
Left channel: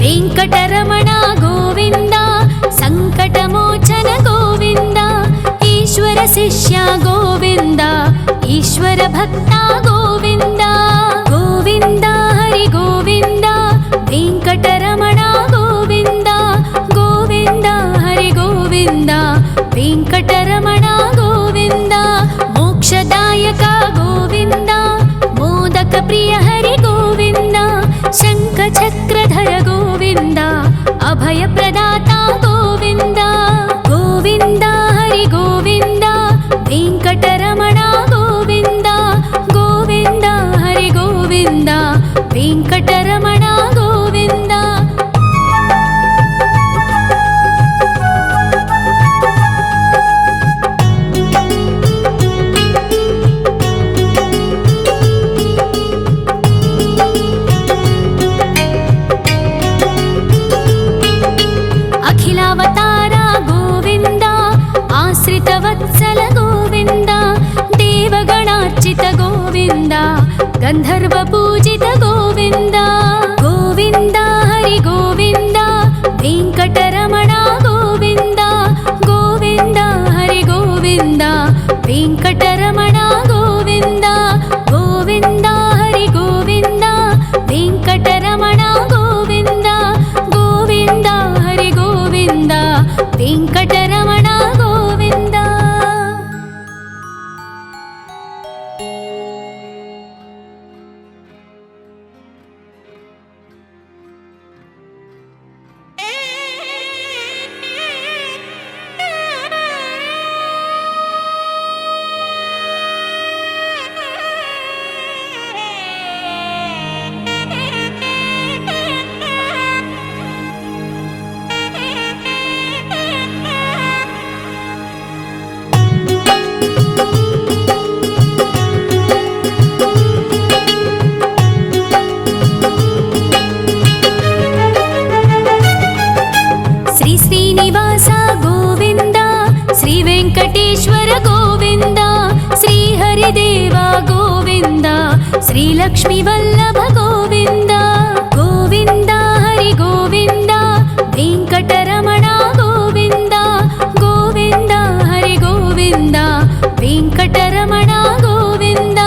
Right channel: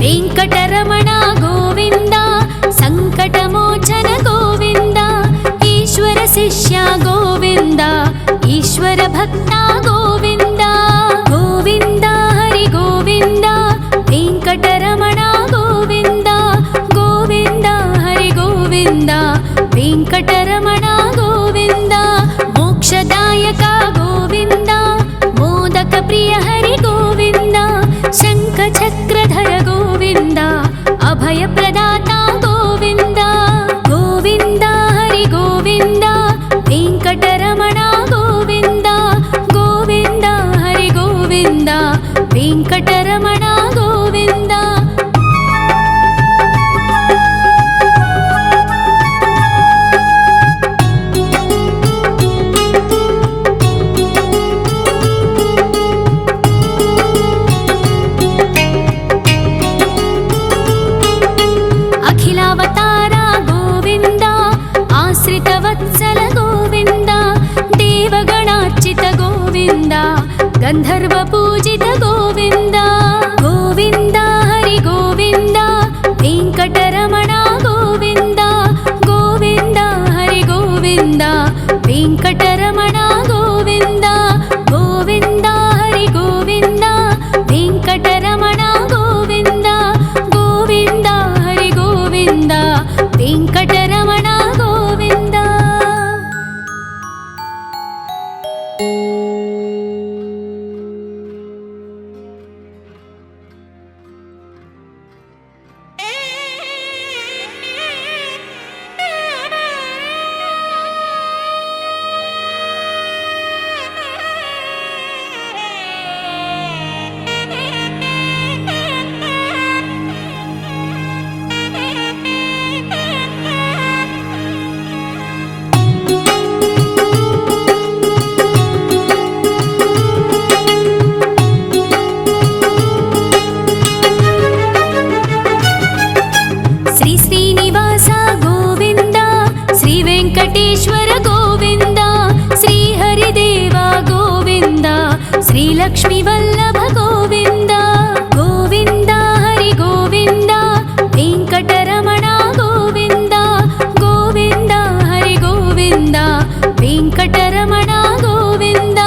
వెంకటరమణ గోవింద, సంకటమోచన గోవింద, ఈశ్వర శిష్య గోవింద, ఈశ్వర భక్త గోవింద. గోవింద హరి గోవింద, వెంకటరమణ గోవింద, గోవింద హరి గోవింద, వెంకటరమణ గోవింద. మోక్షదాయక గోవింద, మోదక ప్రియ హరి గోవింద, శంఖ చక్రధర గోవింద, అభయ ప్రదాత గోవింద. గోవింద హరి గోవింద, వెంకటరమణ గోవింద, గోవింద హరి గోవింద, వెంకటరమణ గోవింద. అఖిలావతార గోవింద, ఆశ్రిత వత్సల గోవింద, దేవగణార్చిత గోవింద, గంధర్వ పూజిత గోవింద. గోవింద హరి గోవింద, వెంకటరమణ గోవింద, గోవింద హరి గోవింద, వెంకటరమణ గోవింద. గోవింద హరి గోవింద, వెంకటరమణ గోవింద, గోవింద హరి గోవింద, వెంకటరమణ గోవింద. శ్రీనివాస గోవింద, శ్రీ వెంకటేశ్వర గోవింద, శ్రీ హరిదేవ గోవింద, శ్రీ లక్ష్మీ వల్లభ గోవింద. గోవింద హరి గోవింద, వెంకటరమణ గోవింద, గోవింద హరి గోవింద, వెంకటరమణ గోవింద.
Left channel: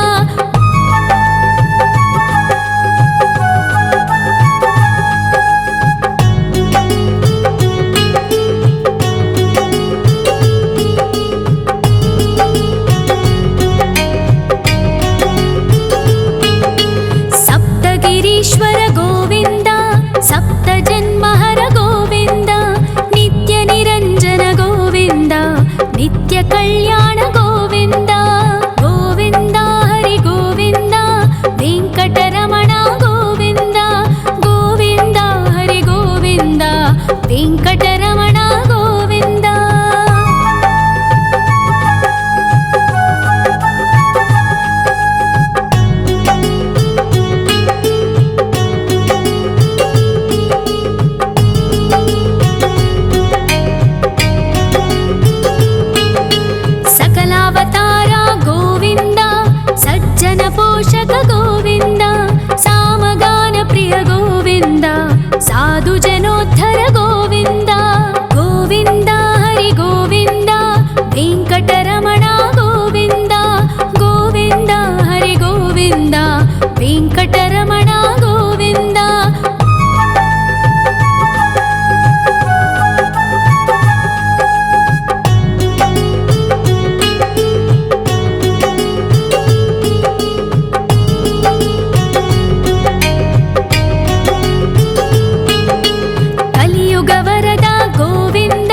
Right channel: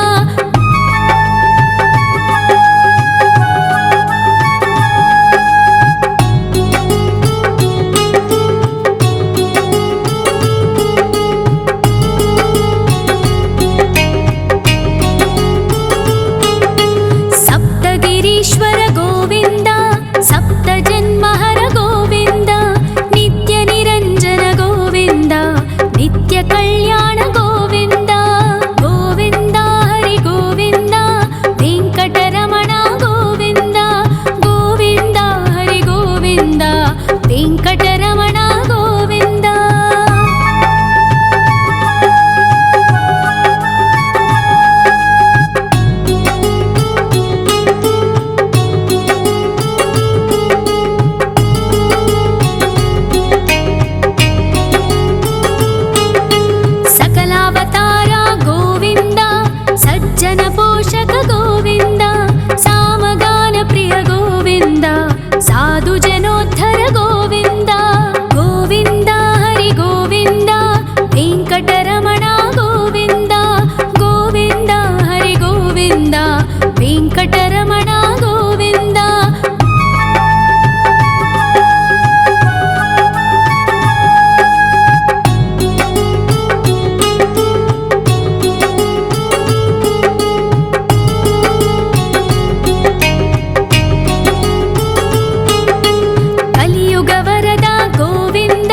कल्याण गोविन्द गोविन्द हरि गोविन्द वेङ्कटरमण गोविन्द गोविन्द हरि गोविन्द वेङ्कटरमण गोविन्द। सकलावतार गोविन्द सज्जन पोषक गोविन्द सामगान प्रिय गोविन्द साधु जनोद्धर गोविन्द गोविन्द हरि गोविन्द वेङ्कटरमण गोविन्द गोविन्द हरि गोविन्द वेङ्कटरमण गोविन्द। कलियुग वरद गोविन्द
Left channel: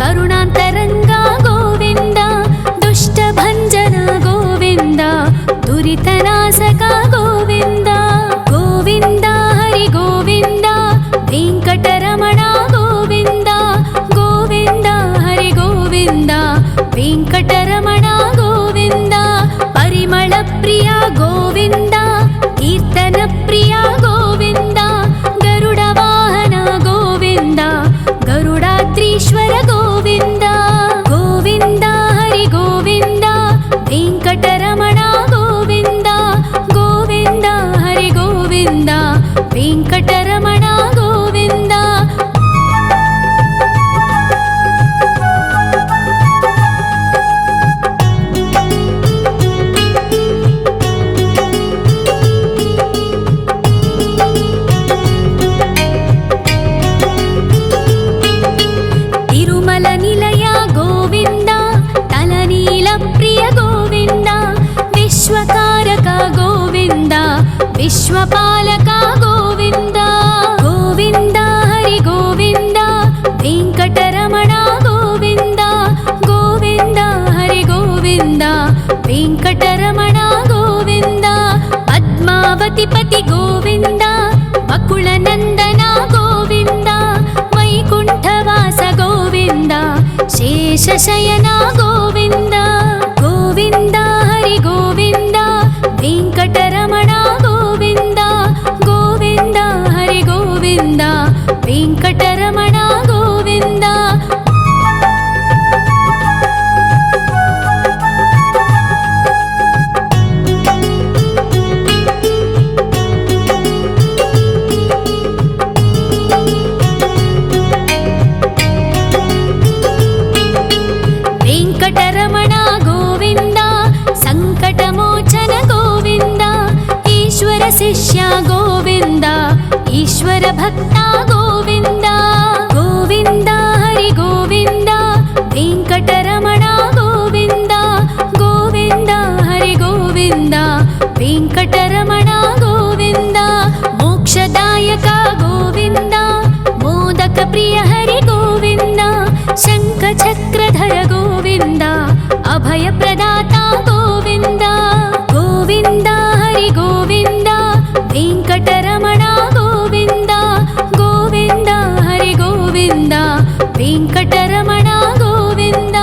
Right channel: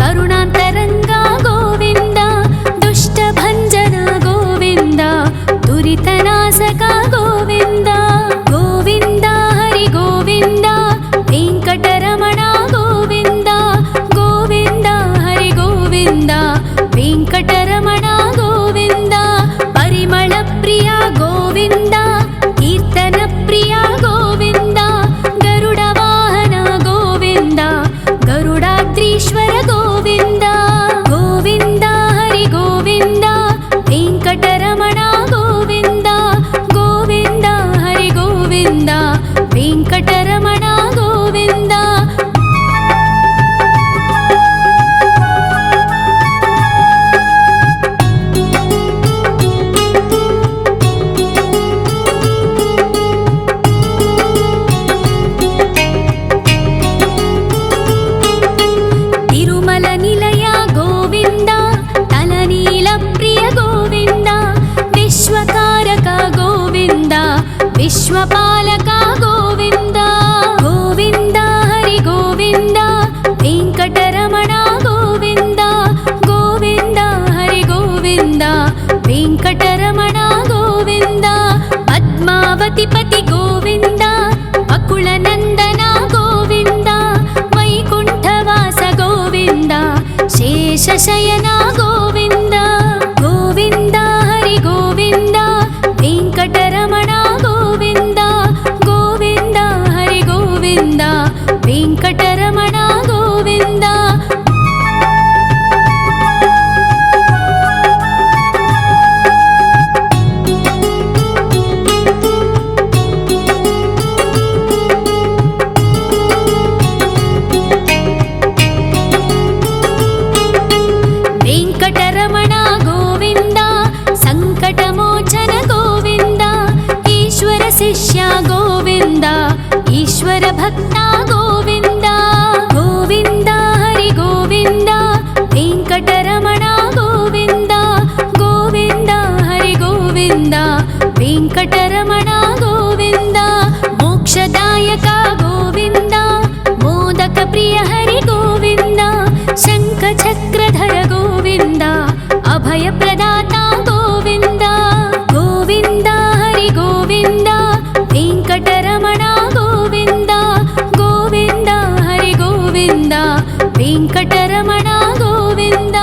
करुणान्तरङ्ग गोविन्द दुष्टभञ्जन गोविन्द दुरितनाशक गोविन्द गोविन्द हरि गोविन्द वेङ्कटरमण गोविन्द गोविन्द हरि गोविन्द वेङ्कटरमण गोविन्द। परिमल प्रिय गोविन्द कीर्तन प्रिय गोविन्द गरुड वाहन गोविन्द गरुडाद्रीश्वर गोविन्द गोविन्द हरि गोविन्द वेङ्कटरमण गोविन्द गोविन्द हरि गोविन्द वेङ्कटरमण गोविन्द। तिरुमल निलय गोविन्द तलनील प्रिय गोविन्द विश्वकारक गोविन्द विश्वपालक गोविन्द गोविन्द हरि गोविन्द वेङ्कटरमण गोविन्द गोविन्द हरि गोविन्द वेङ्कटरमण गोविन्द। पद्मावति पति गोविन्द बकुलनन्दन गोविन्द वैकुण्ठवास गोविन्द शेषशयन गोविन्द गोविन्द हरि गोविन्द वेङ्कटरमण गोविन्द गोविन्द हरि गोविन्द वेङ्कटरमण गोविन्द। वेङ्कटरमण गोविन्द सङ्कटमोचन गोविन्द ईश्वर शिष्य गोविन्द ईश्वर भक्त गोविन्द गोविन्द हरि गोविन्द वेङ्कटरमण गोविन्द गोविन्द हरि गोविन्द वेङ्कटरमण गोविन्द। मोक्षदायक गोविन्द मोदक प्रिय हरि गोविन्द शङ्खचक्रधर गोविन्द अभयप्रदाता गोविन्द गोविन्द हरि गोविन्द वेङ्कटरमण गोविन्द गोविन्द हरि गोविन्द वेङ्कटरमण गोविन्द।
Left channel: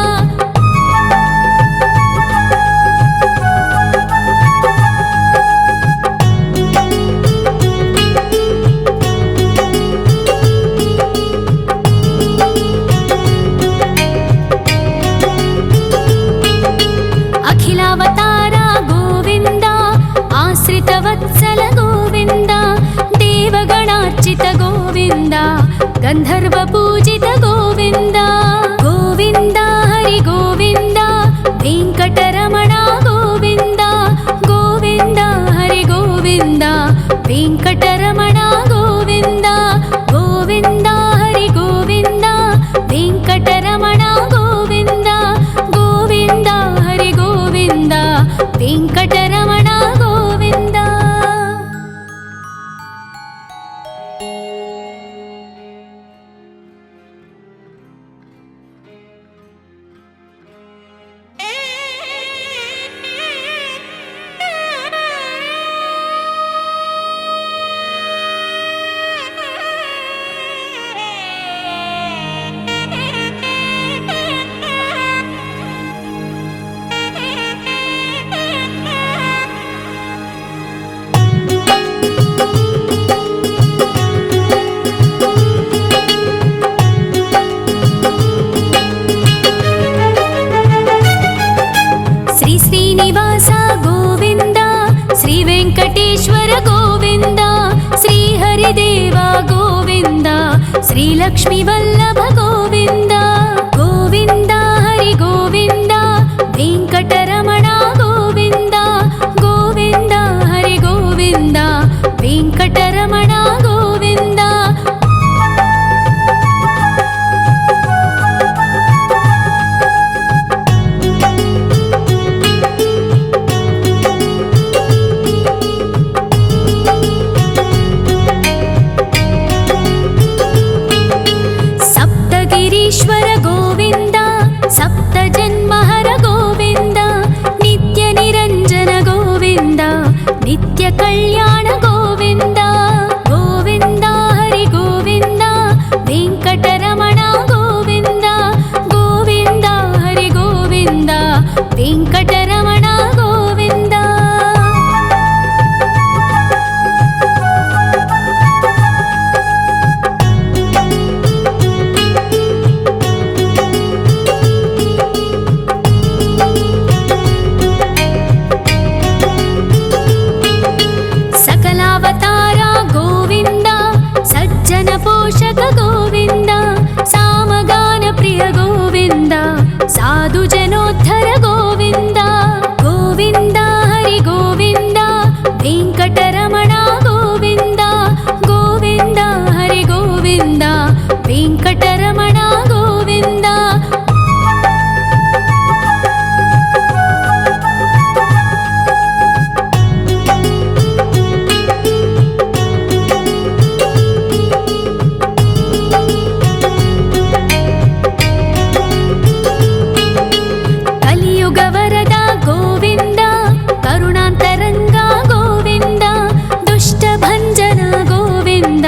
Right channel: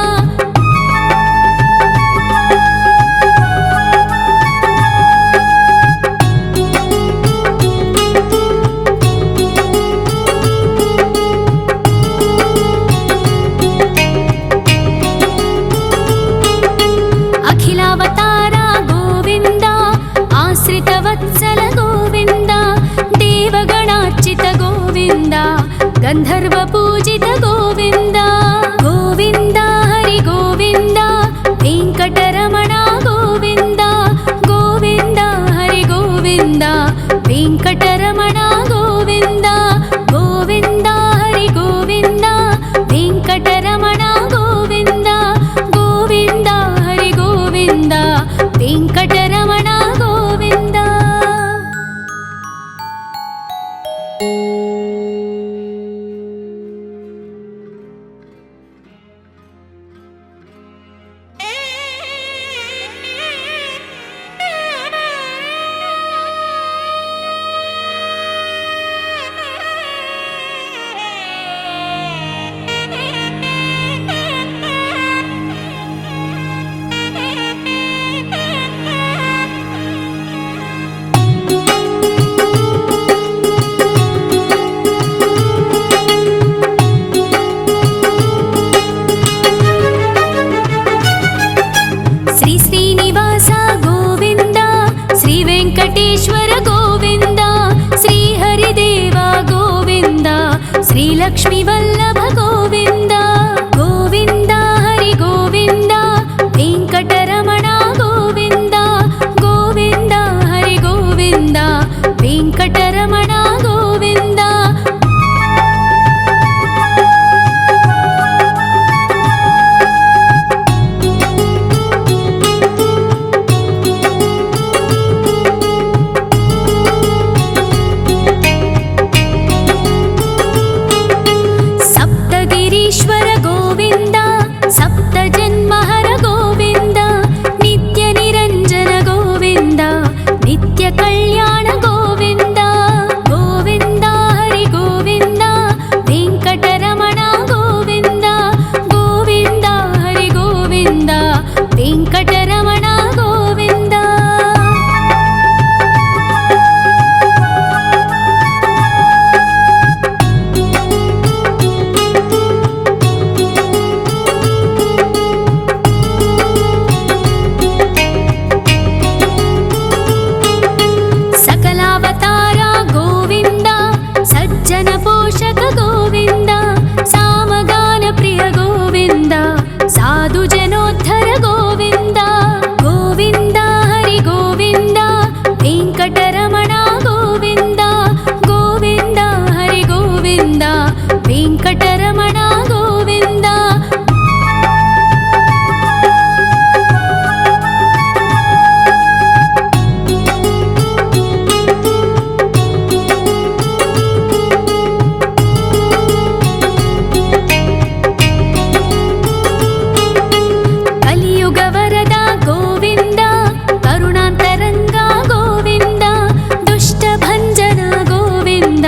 अखिलावतार गोविन्द आश्रितवत्सल गोविन्द देवगणार्चित गोविन्द गन्धर्वपूजित गोविन्द गोविन्द हरि गोविन्द वेङ्कटरमण गोविन्द गोविन्द हरि गोविन्द वेङ्कटरमण गोविन्द गोविन्द हरि गोविन्द वेङ्कटरमण गोविन्द गोविन्द हरि गोविन्द वेङ्कटरमण गोविन्द। ಶ್ರೀಲಕ್ಷ್ಮಿ ವಲ್ಲಭ ಗೋವಿಂದ ಗೋವಿಂದ ಹರಿ ಗೋವಿಂದ ವೆಂಕಟರಮಣ ಗೋವಿಂದ ಗೋವಿಂದ ಹರಿ ಗೋವಿಂದ ವೆಂಕಟರಮಣ ಗೋವಿಂದ ಸಪ್ತಗಿರೀಶ್ವರ ಗೋವಿಂದ ಸಪ್ತ ಜನ್ಮಹರ ಗೋವಿಂದ ನಿತ್ಯ ನಿರಂಜನ ಗೋವಿಂದ ನಿತ್ಯ ಕಲ್ಯಾಣ ಗೋವಿಂದ ಗೋವಿಂದ ಹರಿ ಗೋವಿಂದ ವೆಂಕಟರಮಣ ಗೋವಿಂದ ಗೋವಿಂದ ಹರಿ ಗೋವಿಂದ ವೆಂಕಟರಮಣ ಗೋವಿಂದ सकलावतार गोविंद सज्जन पोषक गोविंद सामगान प्रिय गोविंद साधु जनोद्धर गोविंद गोविंद हरि गोविंद वेंकटरमण गोविंद गोविंद हरि गोविंद वेंकटरमण गोविंद ಕಲಿಯುಗವರದ ಗೋವಿಂದ ಕರುಣಾಂತರಂಗ ಗೋವಿಂದ ದುಷ್ಟಭಂಜನ ಗೋವಿಂದ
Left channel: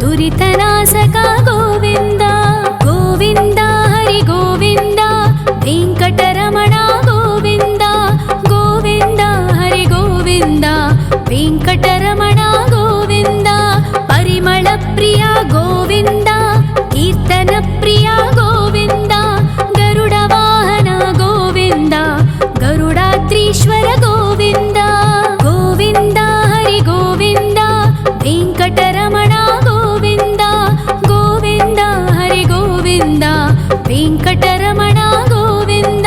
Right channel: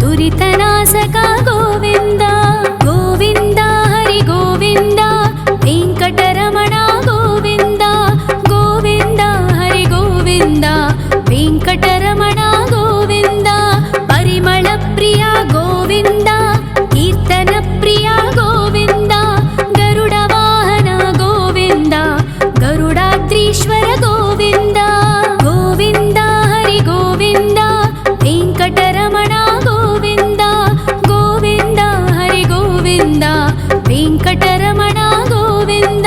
ದುರಿತನಾಶಕ ಗೋವಿಂದ ಗೋವಿಂದ ಹರಿ ಗೋವಿಂದ ವೆಂಕಟರಮಣ ಗೋವಿಂದ ಗೋವಿಂದ ಹರಿ ಗೋವಿಂದ ವೆಂಕಟರಮಣ ಗೋವಿಂದ ಪರಿಮಳ ಪ್ರಿಯ ಗೋವಿಂದ ಕೀರ್ತನ ಪ್ರಿಯ ಗೋವಿಂದ ಗರುಡ ವಾಹನ ಗೋವಿಂದ ಗರುಡಾದ್ರೀಶ್ವರ ಗೋವಿಂದ ಗೋವಿಂದ ಹರಿ ಗೋವಿಂದ ವೆಂಕಟರಮಣ ಗೋವಿಂದ ಗೋವಿಂದ ಹರಿ ಗೋವಿಂದ ವೆಂಕಟರಮಣ ಗೋವಿಂದ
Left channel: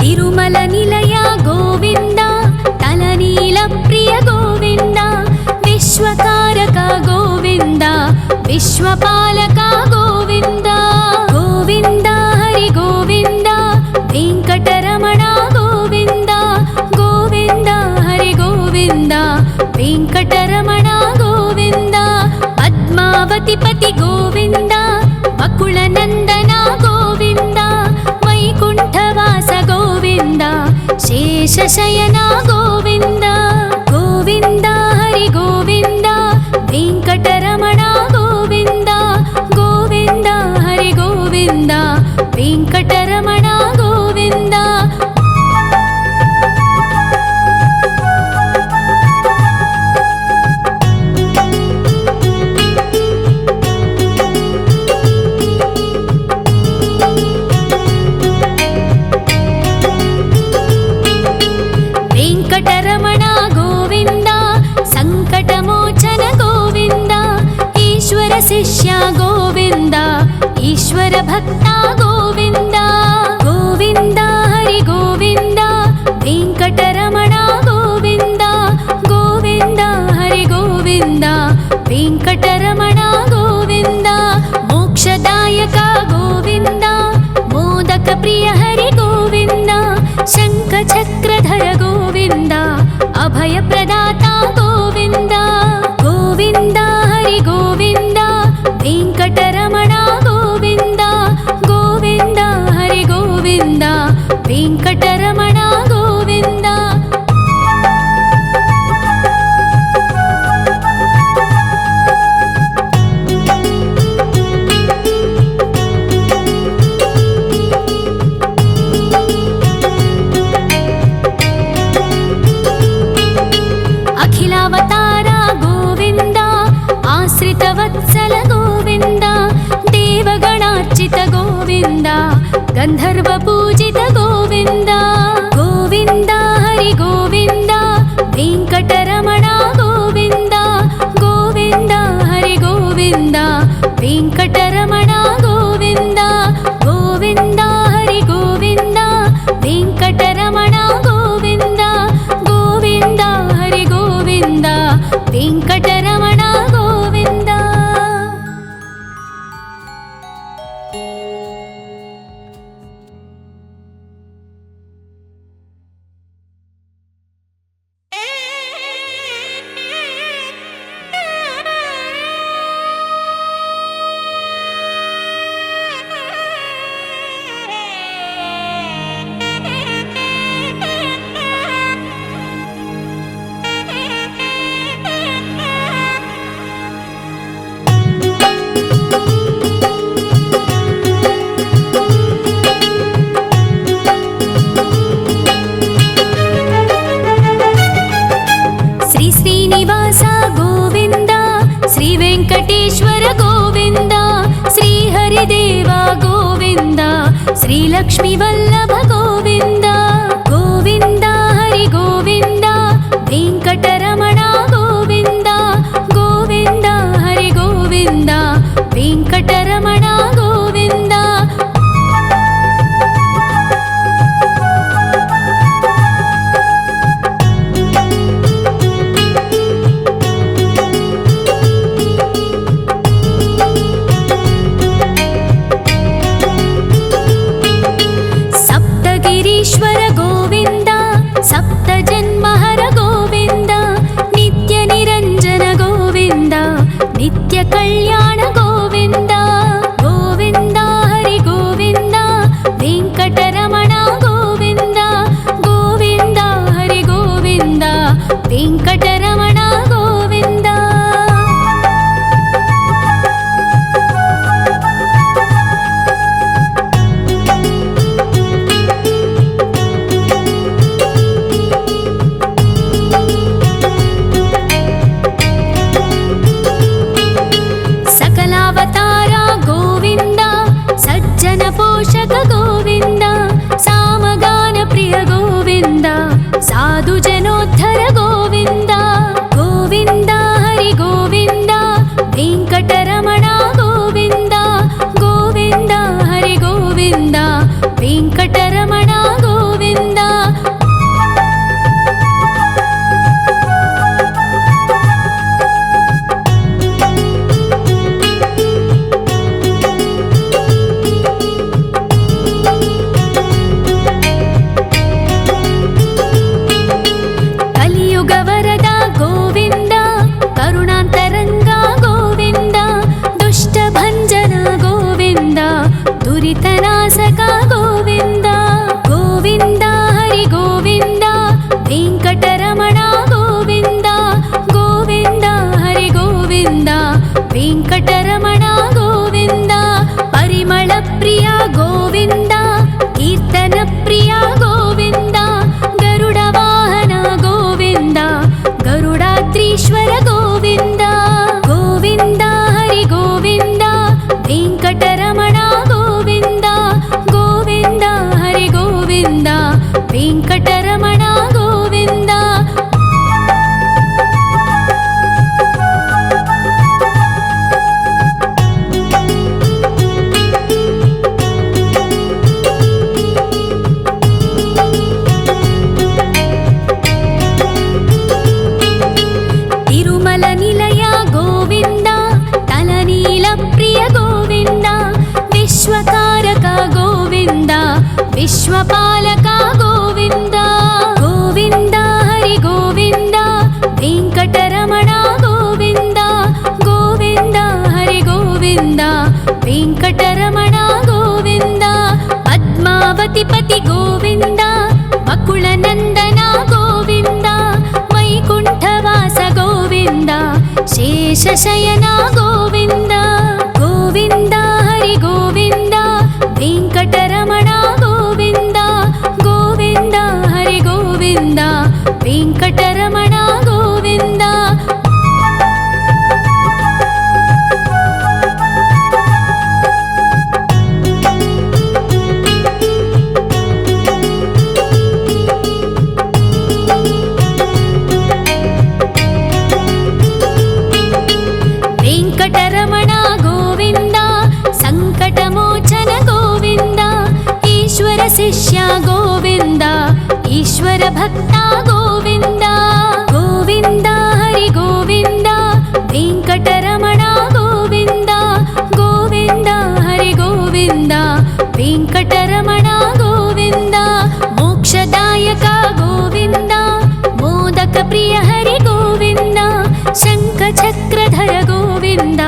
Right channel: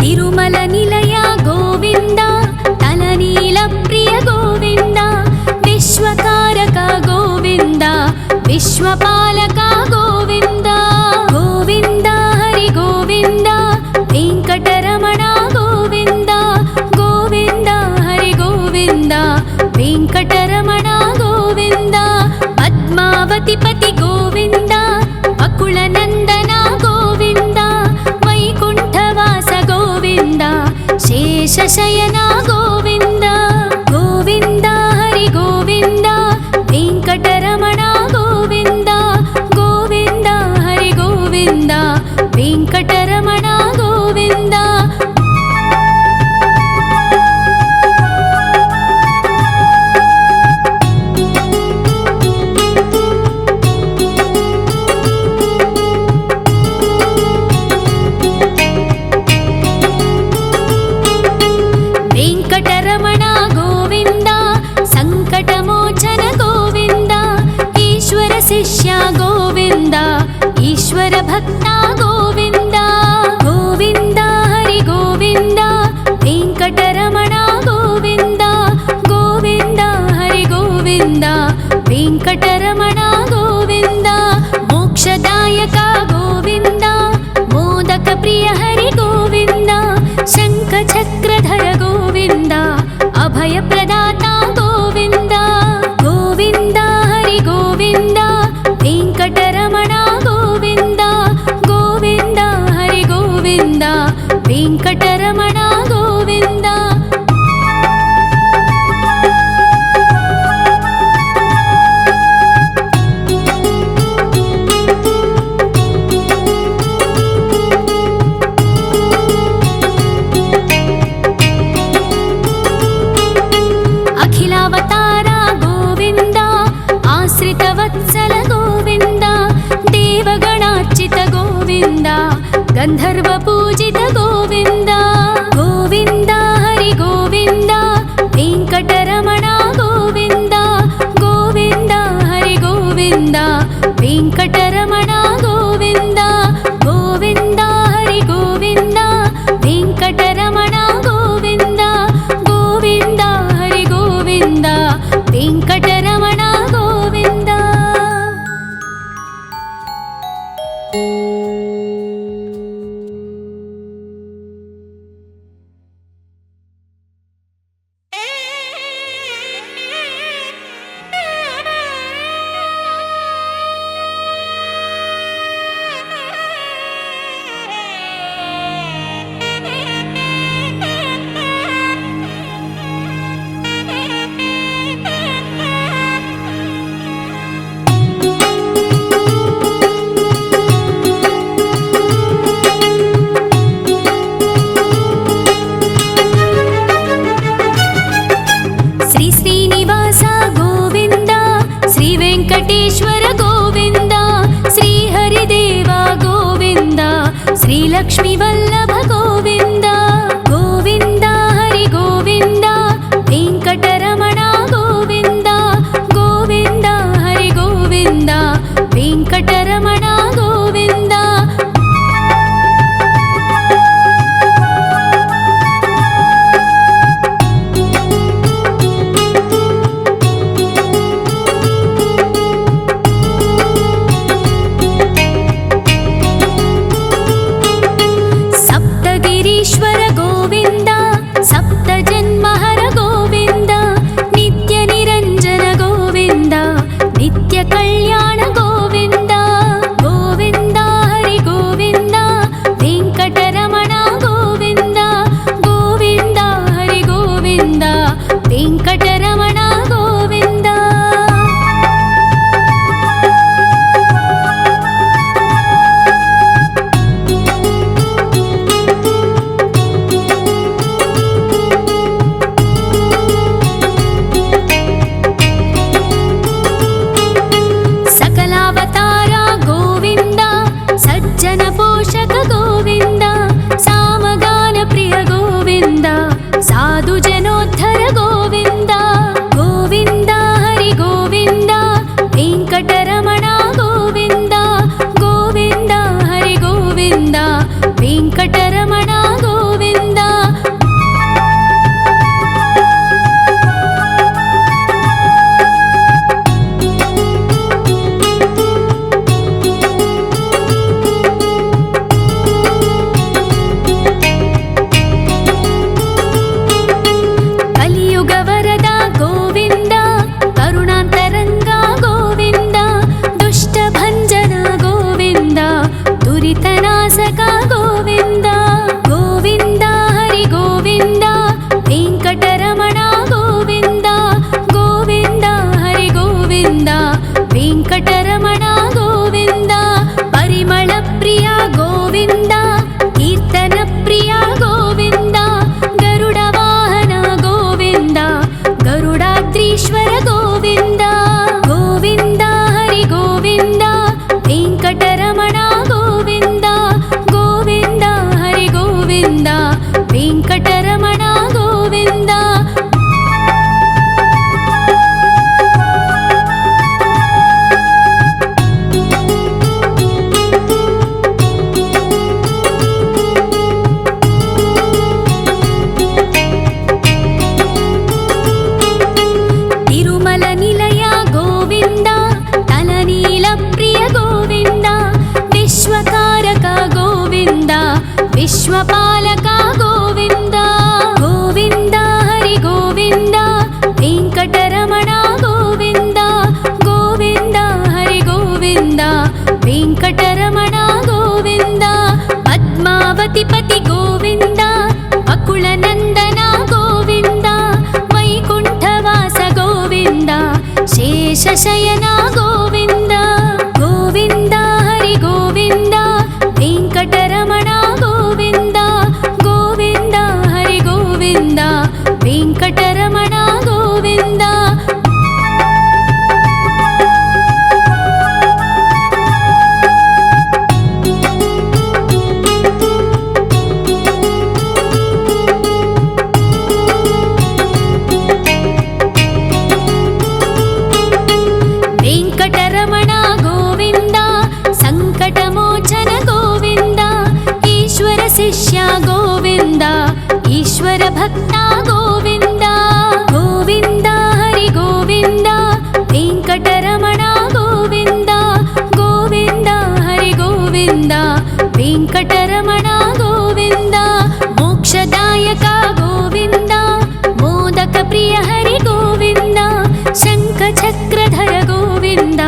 ತಿರುಮಲ ನಿಲಯ ಗೋವಿಂದ ತಲನೀಲ ಪ್ರಿಯ ಗೋವಿಂದ ವಿಶ್ವಕಾರಕ ಗೋವಿಂದ ವಿಶ್ವಪಾಲಕ ಗೋವಿಂದ ಗೋವಿಂದ ಹರಿ ಗೋವಿಂದ ವೆಂಕಟರಮಣ ಗೋವಿಂದ ಗೋವಿಂದ ಹರಿ ಗೋವಿಂದ ವೆಂಕಟರಮಣ ಗೋವಿಂದ ಪದ್ಮಾವತಿ ಪತಿ ಗೋವಿಂದ ಬಕುಳ ನಂದನ ಗೋವಿಂದ ವೈಕುಂಠವಾಸ ಗೋವಿಂದ ಶೇಷಶಯನ ಗೋವಿಂದ ಗೋವಿಂದ ಹರಿ ಗೋವಿಂದ ವೆಂಕಟರಮಣ ಗೋವಿಂದ ಗೋವಿಂದ ಹರಿ ಗೋವಿಂದ ವೆಂಕಟರಮಣ ಗೋವಿಂದ ವೆಂಕಟರಮಣ ಗೋವಿಂದ ಸಂಕಟಮೋಚನ ಗೋವಿಂದ ಈಶ್ವರ ಶಿಷ್ಯ ಗೋವಿಂದ ಈಶ್ವರ ಭಕ್ತ ಗೋವಿಂದ ಗೋವಿಂದ ಹರಿ ಗೋವಿಂದ ವೆಂಕಟರಮಣ ಗೋವಿಂದ ಗೋವಿಂದ ಹರಿ ಗೋವಿಂದ ವೆಂಕಟರಮಣ ಗೋವಿಂದ ಮೋಕ್ಷದಾಯಕ ಗೋವಿಂದ ಮೋದಕ ಪ್ರಿಯ ಹರಿ ಗೋವಿಂದ ಶಂಖ ಚಕ್ರಧರ ಗೋವಿಂದ ಅಭಯ ಪ್ರದಾತ ಗೋವಿಂದ ಗೋವಿಂದ ಹರಿ ಗೋವಿಂದ ವೆಂಕಟರಮಣ ಗೋವಿಂದ ಗೋವಿಂದ ಹರಿ ಗೋವಿಂದ ವೆಂಕಟರಮಣ ಗೋವಿಂದ ಅಖಿಲಾವತಾರ ಗೋವಿಂದ आश्रितवत्सल गोविन्द देवगणार्चित गोविन्द गन्धर्वपूजित गोविन्द गोविन्द हरि गोविन्द वेङ्कटरमण गोविन्द गोविन्द हरि गोविन्द वेङ्कटरमण गोविन्द गोविन्द हरि गोविन्द वेङ्कटरमण गोविन्द गोविन्द हरि गोविन्द वेङ्कटरमण गोविन्द। श्री श्रीनिवास गोविन्द श्री वेङ्कटेश्वर गोविन्द श्री हरिदेव गोविन्द श्री लक्ष्मीवल्लभ गोविन्द गोविन्द हरि गोविन्द वेङ्कटरमण गोविन्द गोविन्द हरि गोविन्द वेङ्कटरमण गोविन्द। सप्तगिरीश्वर गोविन्द सप्तजन्महर गोविन्द नित्यनिरञ्जन गोविन्द नित्यकल्याण गोविन्द गोविन्द हरि गोविन्द वेङ्कटरमण गोविन्द गोविन्द हरि गोविन्द वेङ्कटरमण गोविन्द। सकलावतार गोविन्द सज्जन पोषक गोविन्द सामगान प्रिय गोविन्द साधु जनोद्धर गोविन्द गोविन्द हरि गोविन्द वेङ्कटरमण गोविन्द गोविन्द हरि गोविन्द वेङ्कटरमण गोविन्द। कलियुगवरद गोविन्द करुणान्तरङ्ग गोविन्द दुष्टभञ्जन गोविन्द दुरितनाशक गोविन्द गोविन्द हरि गोविन्द वेङ्कटरमण गोविन्द गोविन्द हरि गोविन्द वेङ्कटरमण गोविन्द। परिमलप्रिय गोविन्द कीर्तनप्रिय गोविन्द गरुडवाहन गोविन्द गरुडाद्रीश्वर गोविन्द गोविन्द हरि गोविन्द वेङ्कटरमण गोविन्द गोविन्द हरि गोविन्द वेङ्कटरमण गोविन्द। तिरुमल निलय गोविन्द तलनील प्रिय गोविन्द विश्वकारक गोविन्द विश्वपालक गोविन्द गोविन्द हरि गोविन्द वेङ्कटरमण गोविन्द गोविन्द हरि गोविन्द वेङ्कटरमण गोविन्द। पद्मावतिपति गोविन्द वकुलनन्दन गोविन्द वैकुण्ठवास गोविन्द शेषशयन गोविन्द गोविन्द हरि गोविन्द वेङ्कटरमण गोविन्द गोविन्द हरि गोविन्द वेङ्कटरमण गोविन्द। వెంకటరమణ గోవింద సంకటమోచన గోవింద ఈశ్వర శిష్య గోవింద ఈశ్వర భక్త గోవింద గోవింద హరి గోవింద వెంకటరమణ గోవింద గోవింద హరి గోవింద వెంకటరమణ గోవింద మోక్షదాయక గోవింద మోదక ప్రియ హరి గోవింద శంఖ చక్రధర గోవింద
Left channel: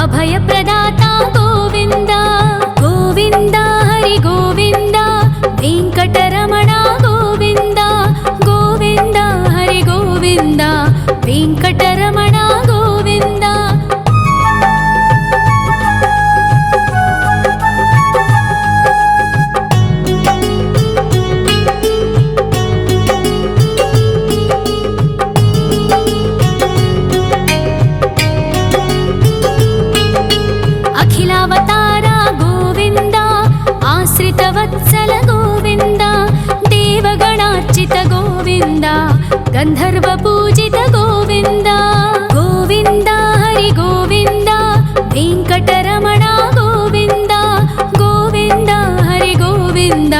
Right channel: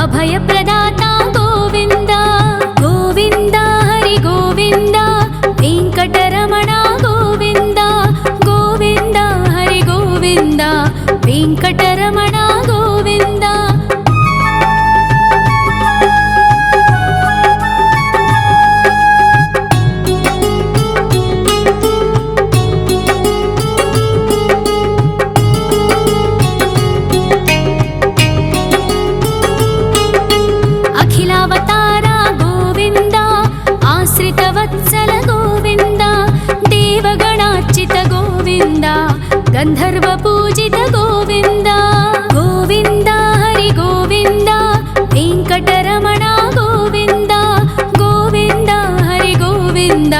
అభయ ప్రదాత గోవింద గోవింద హరి గోవింద వెంకటరమణ గోవింద గోవింద హరి గోవింద వెంకటరమణ గోవింద అఖిలావతార గోవింద ఆశ్రితవత్సల గోవింద దేవగణార్చిత గోవింద గంధర్వ పూజిత గోవింద గోవింద హరి గోవింద వెంకటరమణ గోవింద గోవింద హరి గోవింద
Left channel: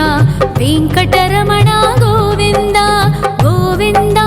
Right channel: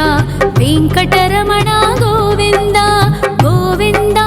వెంకటరమణ గోవింద గోవింద